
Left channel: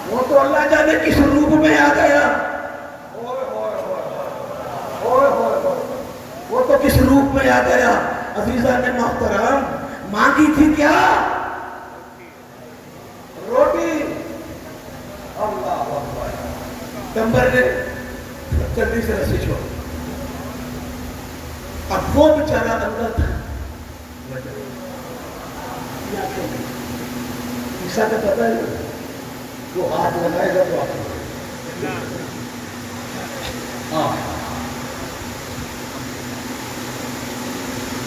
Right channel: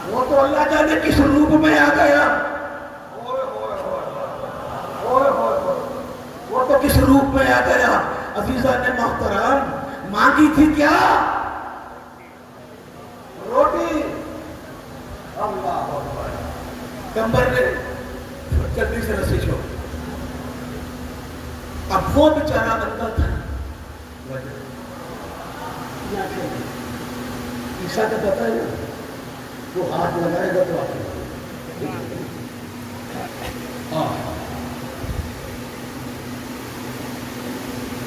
وہ تو اللہ جانے کس روپ میں آ گیا، وہ تو کس روپ میں آ گیا۔ عزیزان محترم، مانگی تھی کیا؟ روٹی۔ اللہ اکبر، کمبر نے جلدی سے رسی چھوڑ۔ اب وہ بیچارہ اندر تھا، عیسیٰ کا پتہ ہے وہ ہاتھ لگائے گا تو آپ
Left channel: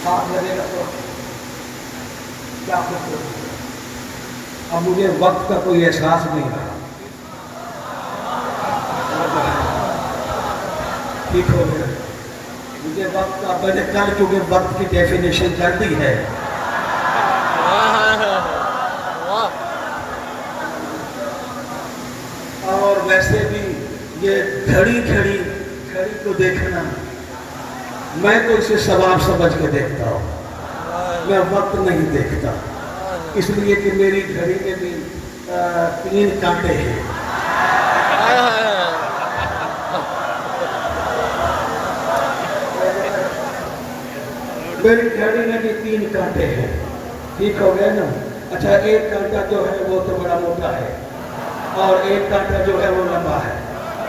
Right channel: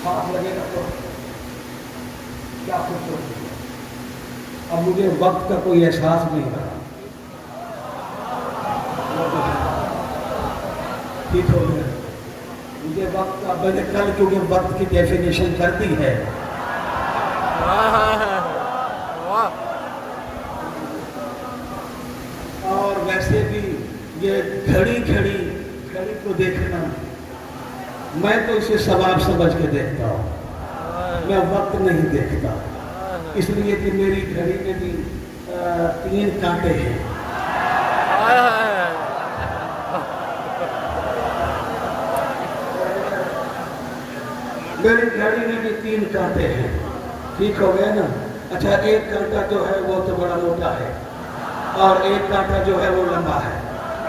ہاتھ لگے گا تو کیا خوبصورت ہے. اب مجھے وقت کا کوئی احساس نہیں رہا. ٹھیک ہو گیا. مجھے وقت کا میں نے کل کیونکہ وقت کی ڈیفینیشن کر دی ہے. اور ویسے بھی یہ گھڑی کو دیکھنا میں تو اسے ثواب سمجھ کے دیکھتا ہوں. میں وقت نہیں دیکھتا اس لیے کہ میری گھڑی میں بھی 3 کانٹے ہیں. میری گھڑی میں بھی 3 کانٹے ہیں. ٹھیک ہو گیا نا. اچھا 1 کانٹا جو ہے وہ تو بڑا موٹا ہے اور 1 کانٹا جو ہے وہ لمبا ہے.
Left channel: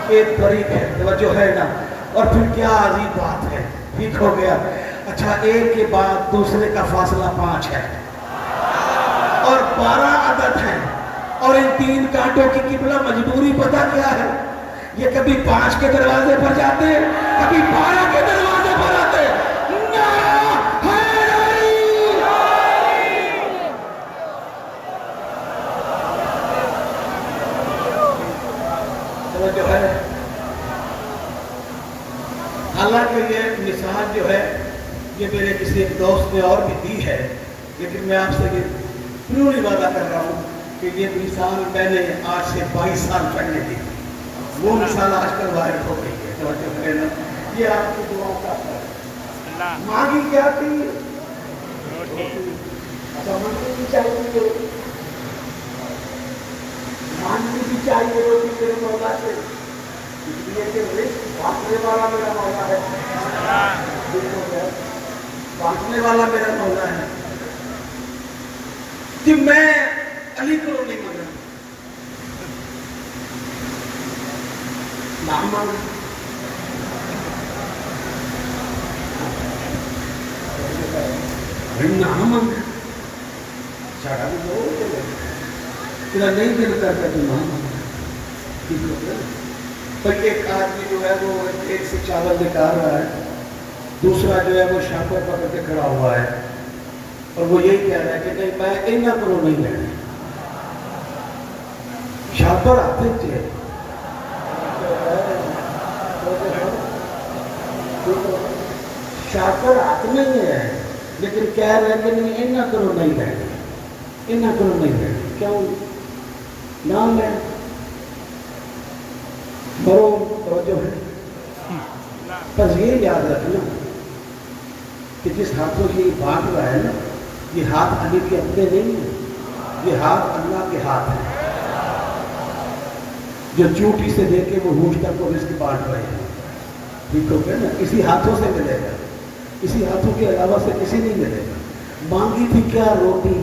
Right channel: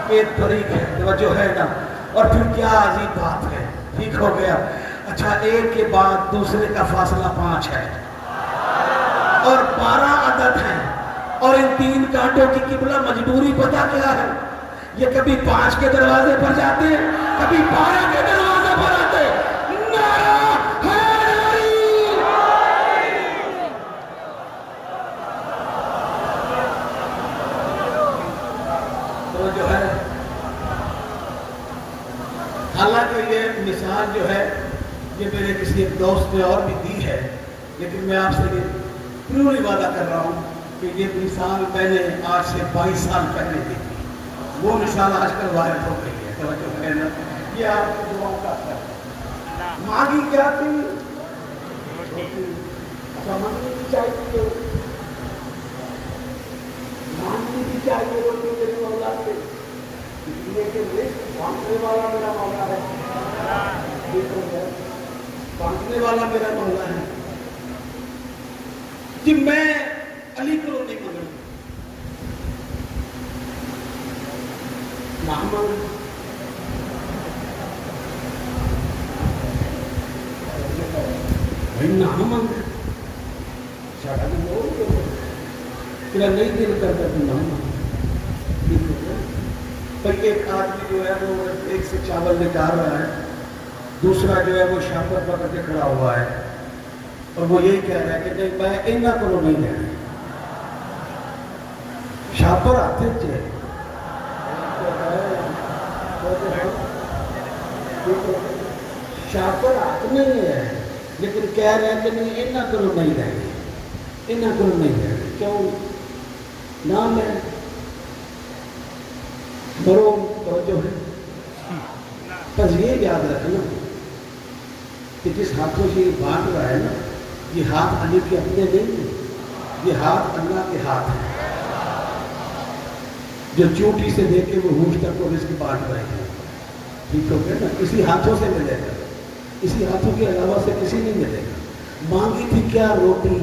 ایک طریق ہے جو ہے نا. اور پھر کیا عجیب بات ہے. ٹھیک ہو گیا. اچھا ایک کے بعد دوسرے کا فاصلہ 5 ہے اور 12 عدد ہیں. اور ان 3 کانٹوں کی قبلہ مجبوری پتہ کیا ہے؟ یہ کبھی 5 کے دروازے پر جاتے ہیں کبھی 12 کے دروازے پر آتے ہیں. جو ہے حالانکہ یہ مثال جو ہے یہ میرے کسی ایک دوست نے اور بھی دی ہے لیکن میں آپ سے یہ پوری وعدہ کر رہا ہوں کہ یہ مثال میں نے آج سے 22 سال پہلے دی تھی. وہ مثال آج کل وائرل ہو گئی ہے. یہ آپ کی دعاؤں کا اثر ہے. مانگی کیا تھی؟ اچھا مانگنی بھی چاہیے مانگنی بھی چاہیے روٹی میرے مولا سے. اس لیے کہ بانٹنے والا میرا مولا ہے. بانٹنے والا میرا مولا ہے کہ میں علی کو نہیں مانگنا. نہ مانگ تیرا نہیں دل کرتا تو نہ مانگ. پر ایک آدمی جو ہے وہ ایک سے چاول نکال رہا ہے دوسرا جو ہے وہ شاپر پکڑ کے کھڑا ہوا ہے اور وہ یہی کہہ رہا ہے کہ نہیں میں اینا کرو نہیں لینا. شاپر آتے تھے شاپر آتے نہیں ہے لیکن کہہ رہے ہیں کہ نہیں اینا کرو نہیں لینا اینا کرو نہیں لینا. کیوں نام ہے مرو توجہ ہے. بس یہ یاد رکھنا کہ جس ہاتھوں سے یہ بانٹ رہا ہے نا یہ ہاتھ علی کے اپنے نہیں ہیں. یہ ہاتھ اللہ کے ہاتھ ہیں جو چوٹی سے لے کے وہ ہونٹ تک وہ اس کی بانٹ رہے ہیں. ٹھیک ہو گیا نا. اسی ہاتھوں سے ملے گا. اسی ہاتھوں کے علاوہ سے کسی نہیں ملے گا. مانگی تھی کیا؟ روٹی.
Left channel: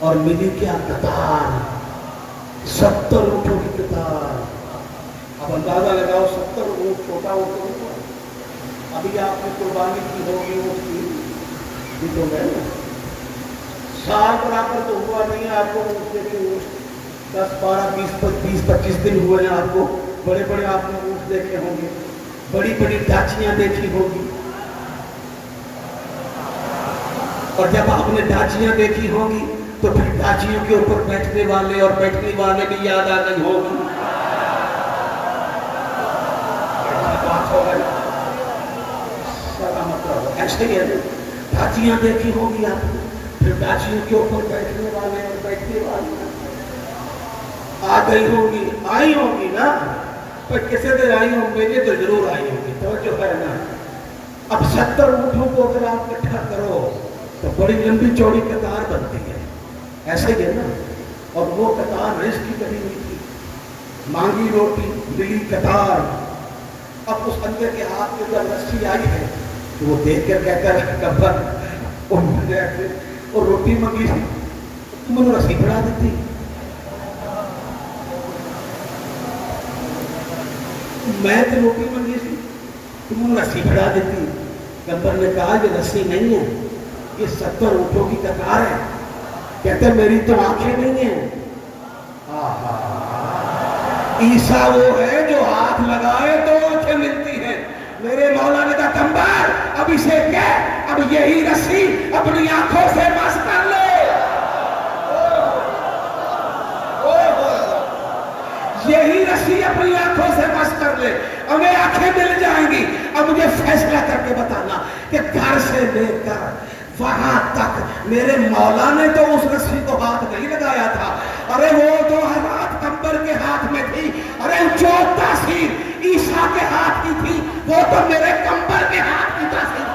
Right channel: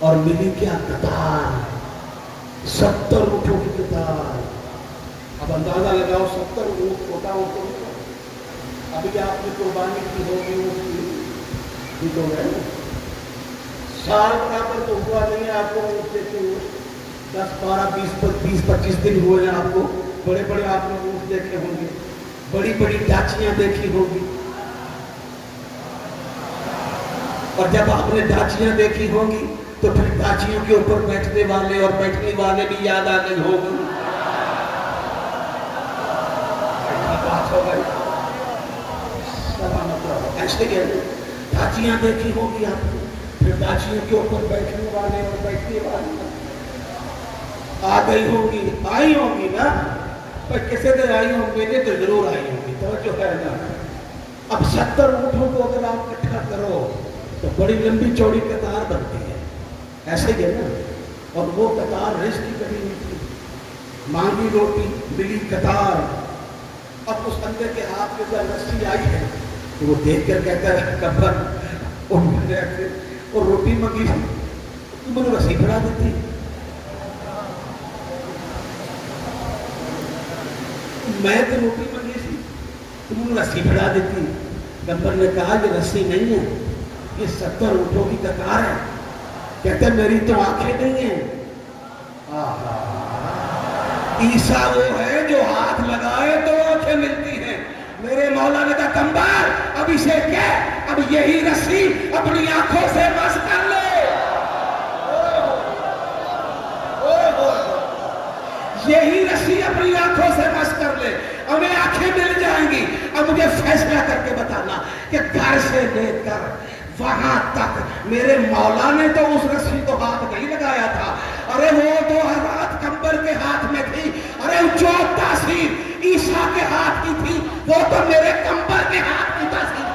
اور ملی کیا؟ قطار. 70 اونٹوں کی قطار. اب اندازہ لگاؤ 70 اونٹ چھوٹا ہوتا ہے. ابھی آپ نے قربانی کی ہوگی وہ ٹھیک ہو گیا نا. سال برابر تو ہوا نہیں ہے آپ کو. 10 12 20 25 دن ہوئے ہیں آپ کو. بڑے بڑے آپ نے اونٹ دیکھے ہوں گے. بڑی بڑی ڈاچیاں دیکھی ہوگی. اور جب آپ نے ڈاچیاں دیکھی ہوگی تو پھر ڈاچیوں کے اوپر بیٹھنے والے اور بیٹھنے والے بھی یاد آ گئی ہوگی. بات ہو گئی. ایسے ہی ڈاچیاں دیکھی ہوگی آپ نے. پھر ڈاچیوں کے اوپر بیٹھنے والے اور بیٹھنے والے آ گئی ہوگی. آئی ہوگی نا. پر کسی دن آئی ہوں گے تو ضرور آئی ہوگی. توجہ کرنا. اب 70 اونٹوں کو اگر آپ اکٹھا کرو تو بڑی لمبی چوڑی قطار بنتی ہے. ایسے ہی ہے نا. اور وہ قطار رزق کی بنی ہوئی تھی. مانگی روٹی ملی قطار. اب اس بندے کے ہاتھ میں جب رسی آئی ہے تو وہ دیکھ کر کہتا ہے کبر اور روٹی مانگی تھی تم نے رسی بڑھا دیتی. میں تو روٹی مانگی تھی تم نے رسی بڑھا دیتی. گبر نے کہا یہ رسی نہیں ہے یہ 70 اونٹوں کی قطار ہے. کہتے ہیں میری تو آنکھیں نہیں ہیں. عیسیٰ وہ ہے جو ہاتھ لگائے تو آنکھیں ملتی ہیں. میرے مولا نے کہا کمبر اب اسے کیا، اب یہی رسی اپنی آنکھوں سے مس کر لے، یہی رسی اپنی آنکھوں سے مس کر لے، ہمیں آنکھیں مل جائیں گی۔ اب مجھے فیصلہ کر کے بتانا کہ گھر سے لے کر وہاں تک میرے مولا نے تو اس رسی کو ہاتھ نہیں لگایا تھا، ارے وہ دو ہاتھ کمبر کے ہاتھ میں تھی، ارے جو تاثیر عیسیٰ کے ہاتھ کی تھی وہ تو میرے کمبر کے ہاتھ کی تاثیر تھی۔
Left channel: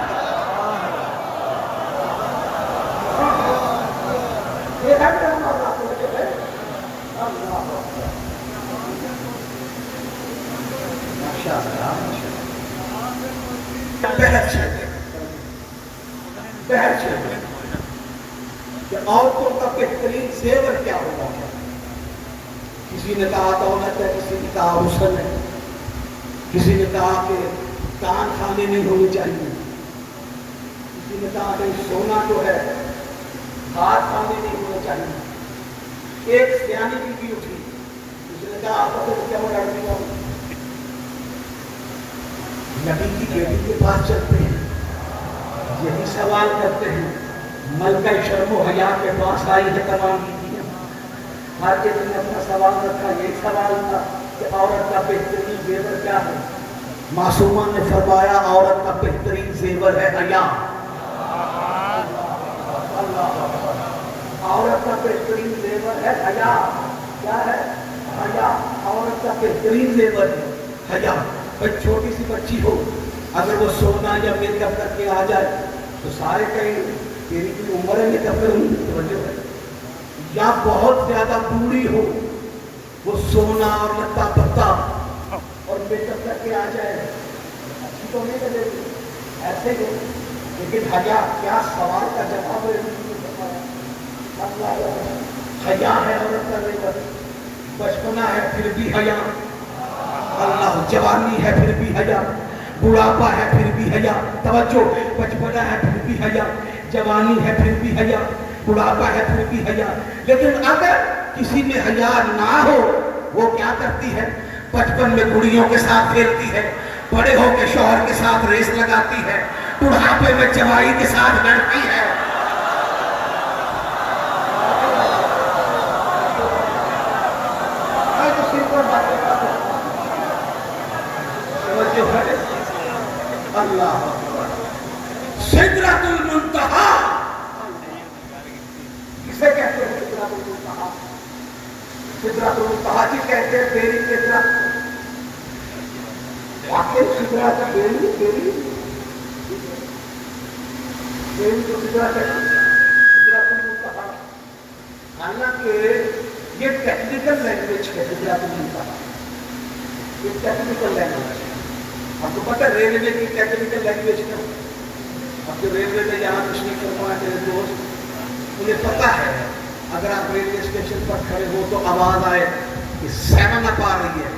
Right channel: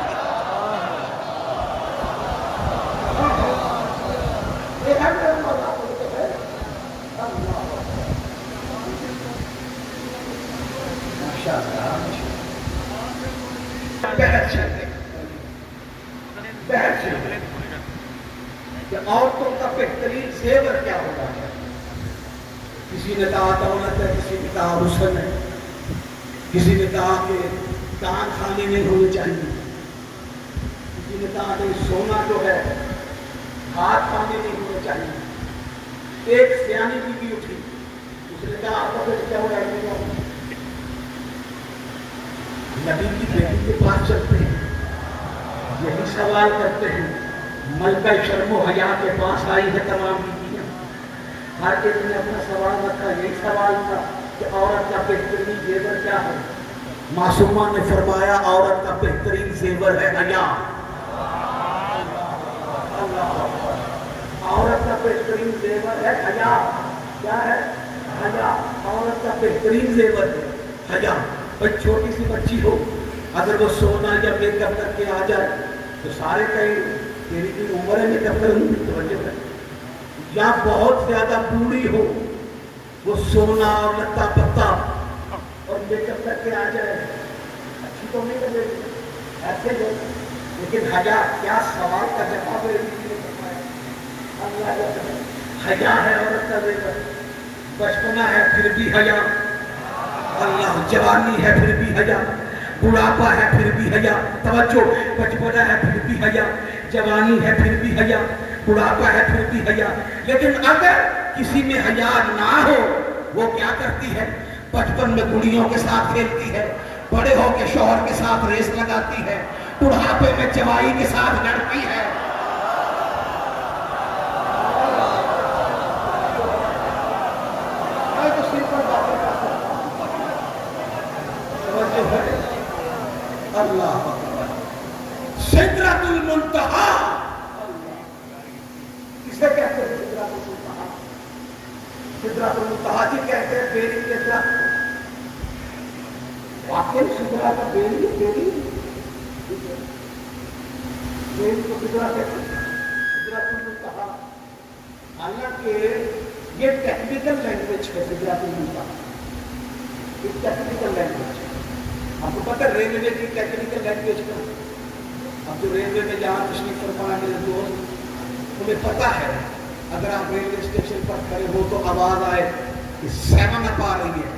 بحث ہے کہ عورتوں کا بہترین زیور کیا ہوتا ہے؟ کسی نے کہا دولت ہے، کسی نے کہا حسن ہے، کسی نے کہا کہ کان خالی نہیں ہونی چاہیے، کسی نے کہا کہ سونا جو ہے ہاتھ خالی نہیں ہونا چاہیے۔ ایک سیانی بیوی اٹھی، کسی نے کہا آپ کو کیا ہو جائے، نبی کی بیٹی کے پاس چلتے ہیں، یہی سوال کرتے ہیں، ملکہ شرم و حیا کے پاس آئی ہے تمام بیویاں، ہر ایک نے اپنا سوال رکھا، یہ سوال تھا کہ عورت کا بہترین زیور کیا ہے؟ معصومہ نے فرمایا عورت کا بہترین زیور ہے حیا۔ عورت کا بہترین زیور ہے حیا۔ کیا ہے؟ حیا۔ عورت کا بہترین زیور ہے حیا۔ چھوٹی سی بچی ہو اگر وہ سونا یا میک اپ کر کے آ جائے تو سارے کہیں تیری کی عمر ہے میک اپ کرنے کی وجہ ہے، یا بہت زیادہ بوڑھی ہو وہ سونا اور لتا پتا اور میک اپ کر کے آ جائے اچھی تو نہیں لگے گی، ایسے ہو۔ لیکن حیا، کیا سوال کا جواب حیا ہے عورت کا زیور، بچپنا ہے پھر بھی حیا، اللہ، جوانی ہے پھر بھی حیا، بڑھاپا ہے پھر بھی حیا، توجہ، بچپنا ہے پھر بھی حیا، جوانی ہے پھر بھی حیا، بڑھاپا ہے پھر بھی حیا۔ لیکن اگر کسی میں حیا نہ ہو وہ کیا کرتی ہے؟ بچپن میں گڑیوں کے ساتھ کھیلتی ہے، بڑے ہو کے شوہر کے ساتھ ریس لگاتی ہے، بڑھاپے میں جوائی کے ساتھ لڑتی ہے۔ اللہ سدرۃ المنتہا کسے کہتے ہیں؟ سدرۃ المنتہا، سدرۃ المنتہا جی کہتے ہیں بیری کے درخت، واقعی سدرۃ بیری بیری بیری کو سدرۃ ہے، سدرۃ المنتہا۔ حالانکہ یہ ٹیکنیکل لینگویج ہے، سدرۃ المنتہا یہ ٹیکنیکل لینگویج ہے۔ آپ کو پتہ ریلوے کی ٹیکنیکل لینگویج کا، آپ کو ریلوے میں جہاں تشریف فرما کے دوست انہیں پتہ ہے اگر آپ ریلوے اسٹیشن پر کھڑے ہو تو آواز آئے کہ 7 اپ آ رہی ہے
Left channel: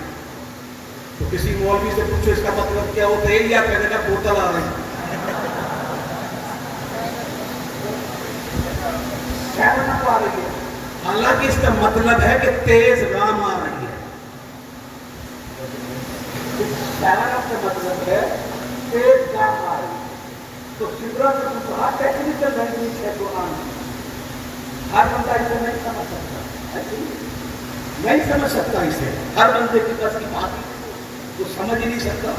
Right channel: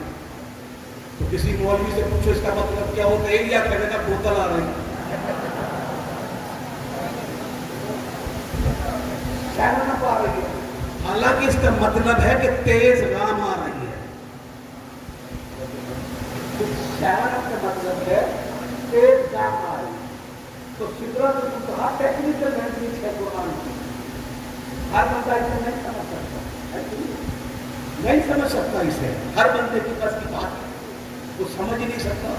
تو کسی مولوی سے پوچھو اس کا مطلب کیا ہوتا ہے، یا کہنے کا بوتل آ رہی ہے، 7 اپ آ رہی ہے، حالانکہ اس کا مطلب ہے کہ تیز رام آ رہی ہے۔ 7 اپ کا مطلب ہے تیز رام آ رہی ہے۔ تو سدرۃ المنتہا ٹیکنیکل لینگویج ہے قرآن کی، ہر بندہ اسے نہیں سمجھ سکتا، نہیں سمجھ سکتا اسے، ہر بندے کے پاس کی بات وہ سمجھ نہیں سکتا۔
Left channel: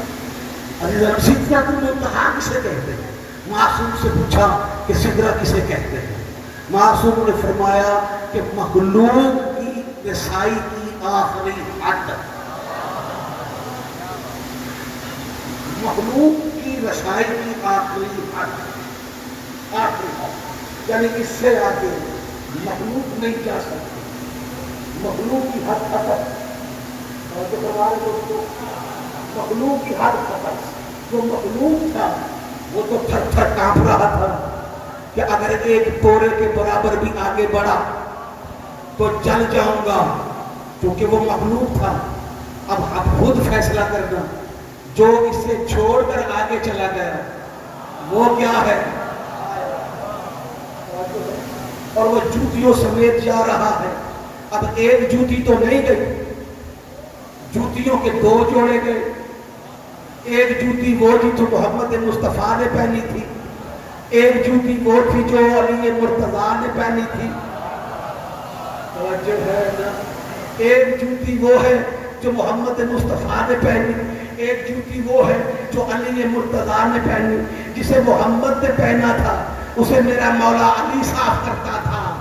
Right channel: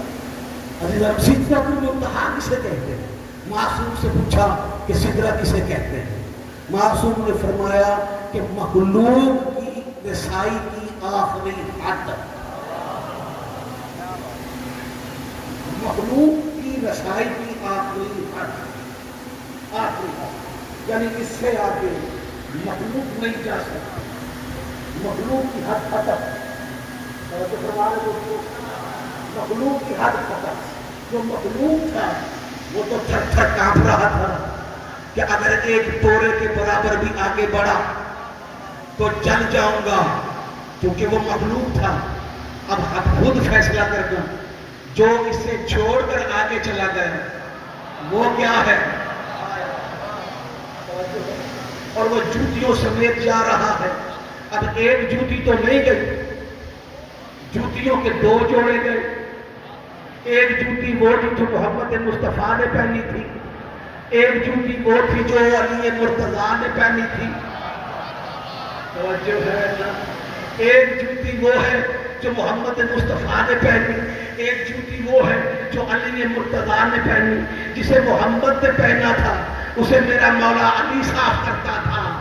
سدرۃ المنتہا کسے کہتے ہیں؟ معصوم سے پوچھا کہ سدرہ کسے کہتے ہیں؟ معصوم نے فرمایا کہ مخلوق کی رسائی کی آخری حد، مخلوق کی رسائی کی آخری حد، آخری حد، یعنی اس سے آگے مخلوق نہیں جا سکتا، مخلوق کی حد ختم۔ مخلوق کی حد ختم، جو مخلوق تھا وہ تو تھر تھر کانپ رہا تھا کہ اگر ایک بورے کے برابر بھی آگے بڑھا تو جل جاؤں گا، کیونکہ وہ مخلوق تھا۔ اب خود فیصلہ کرنا، جو اس سے چھوڑ کر آگے چلا گیا وہ کیا ہے؟ اور وہ جوتیوں سمیت جا رہا ہے۔ اب ایک جوتی تو نہیں گئی، جوتیوں کے 2 جوڑے گئے، ایک جوتی وہ تھی جو محمد مصطفیٰ نے پہنی تھی، ایک جوتی وہ تھی جو علی مرتضیٰ نے پہنی تھی. توجہ ہے نا؟ ایک جوتی وہ ہے جو محمد مصطفیٰ نے پہنی، ایک جوتی وہ ہے جو علی مرتضیٰ نے پہنی. جسے محمد نے پہنا تھا اسے میرا مولا علی صاف کرتا تھا.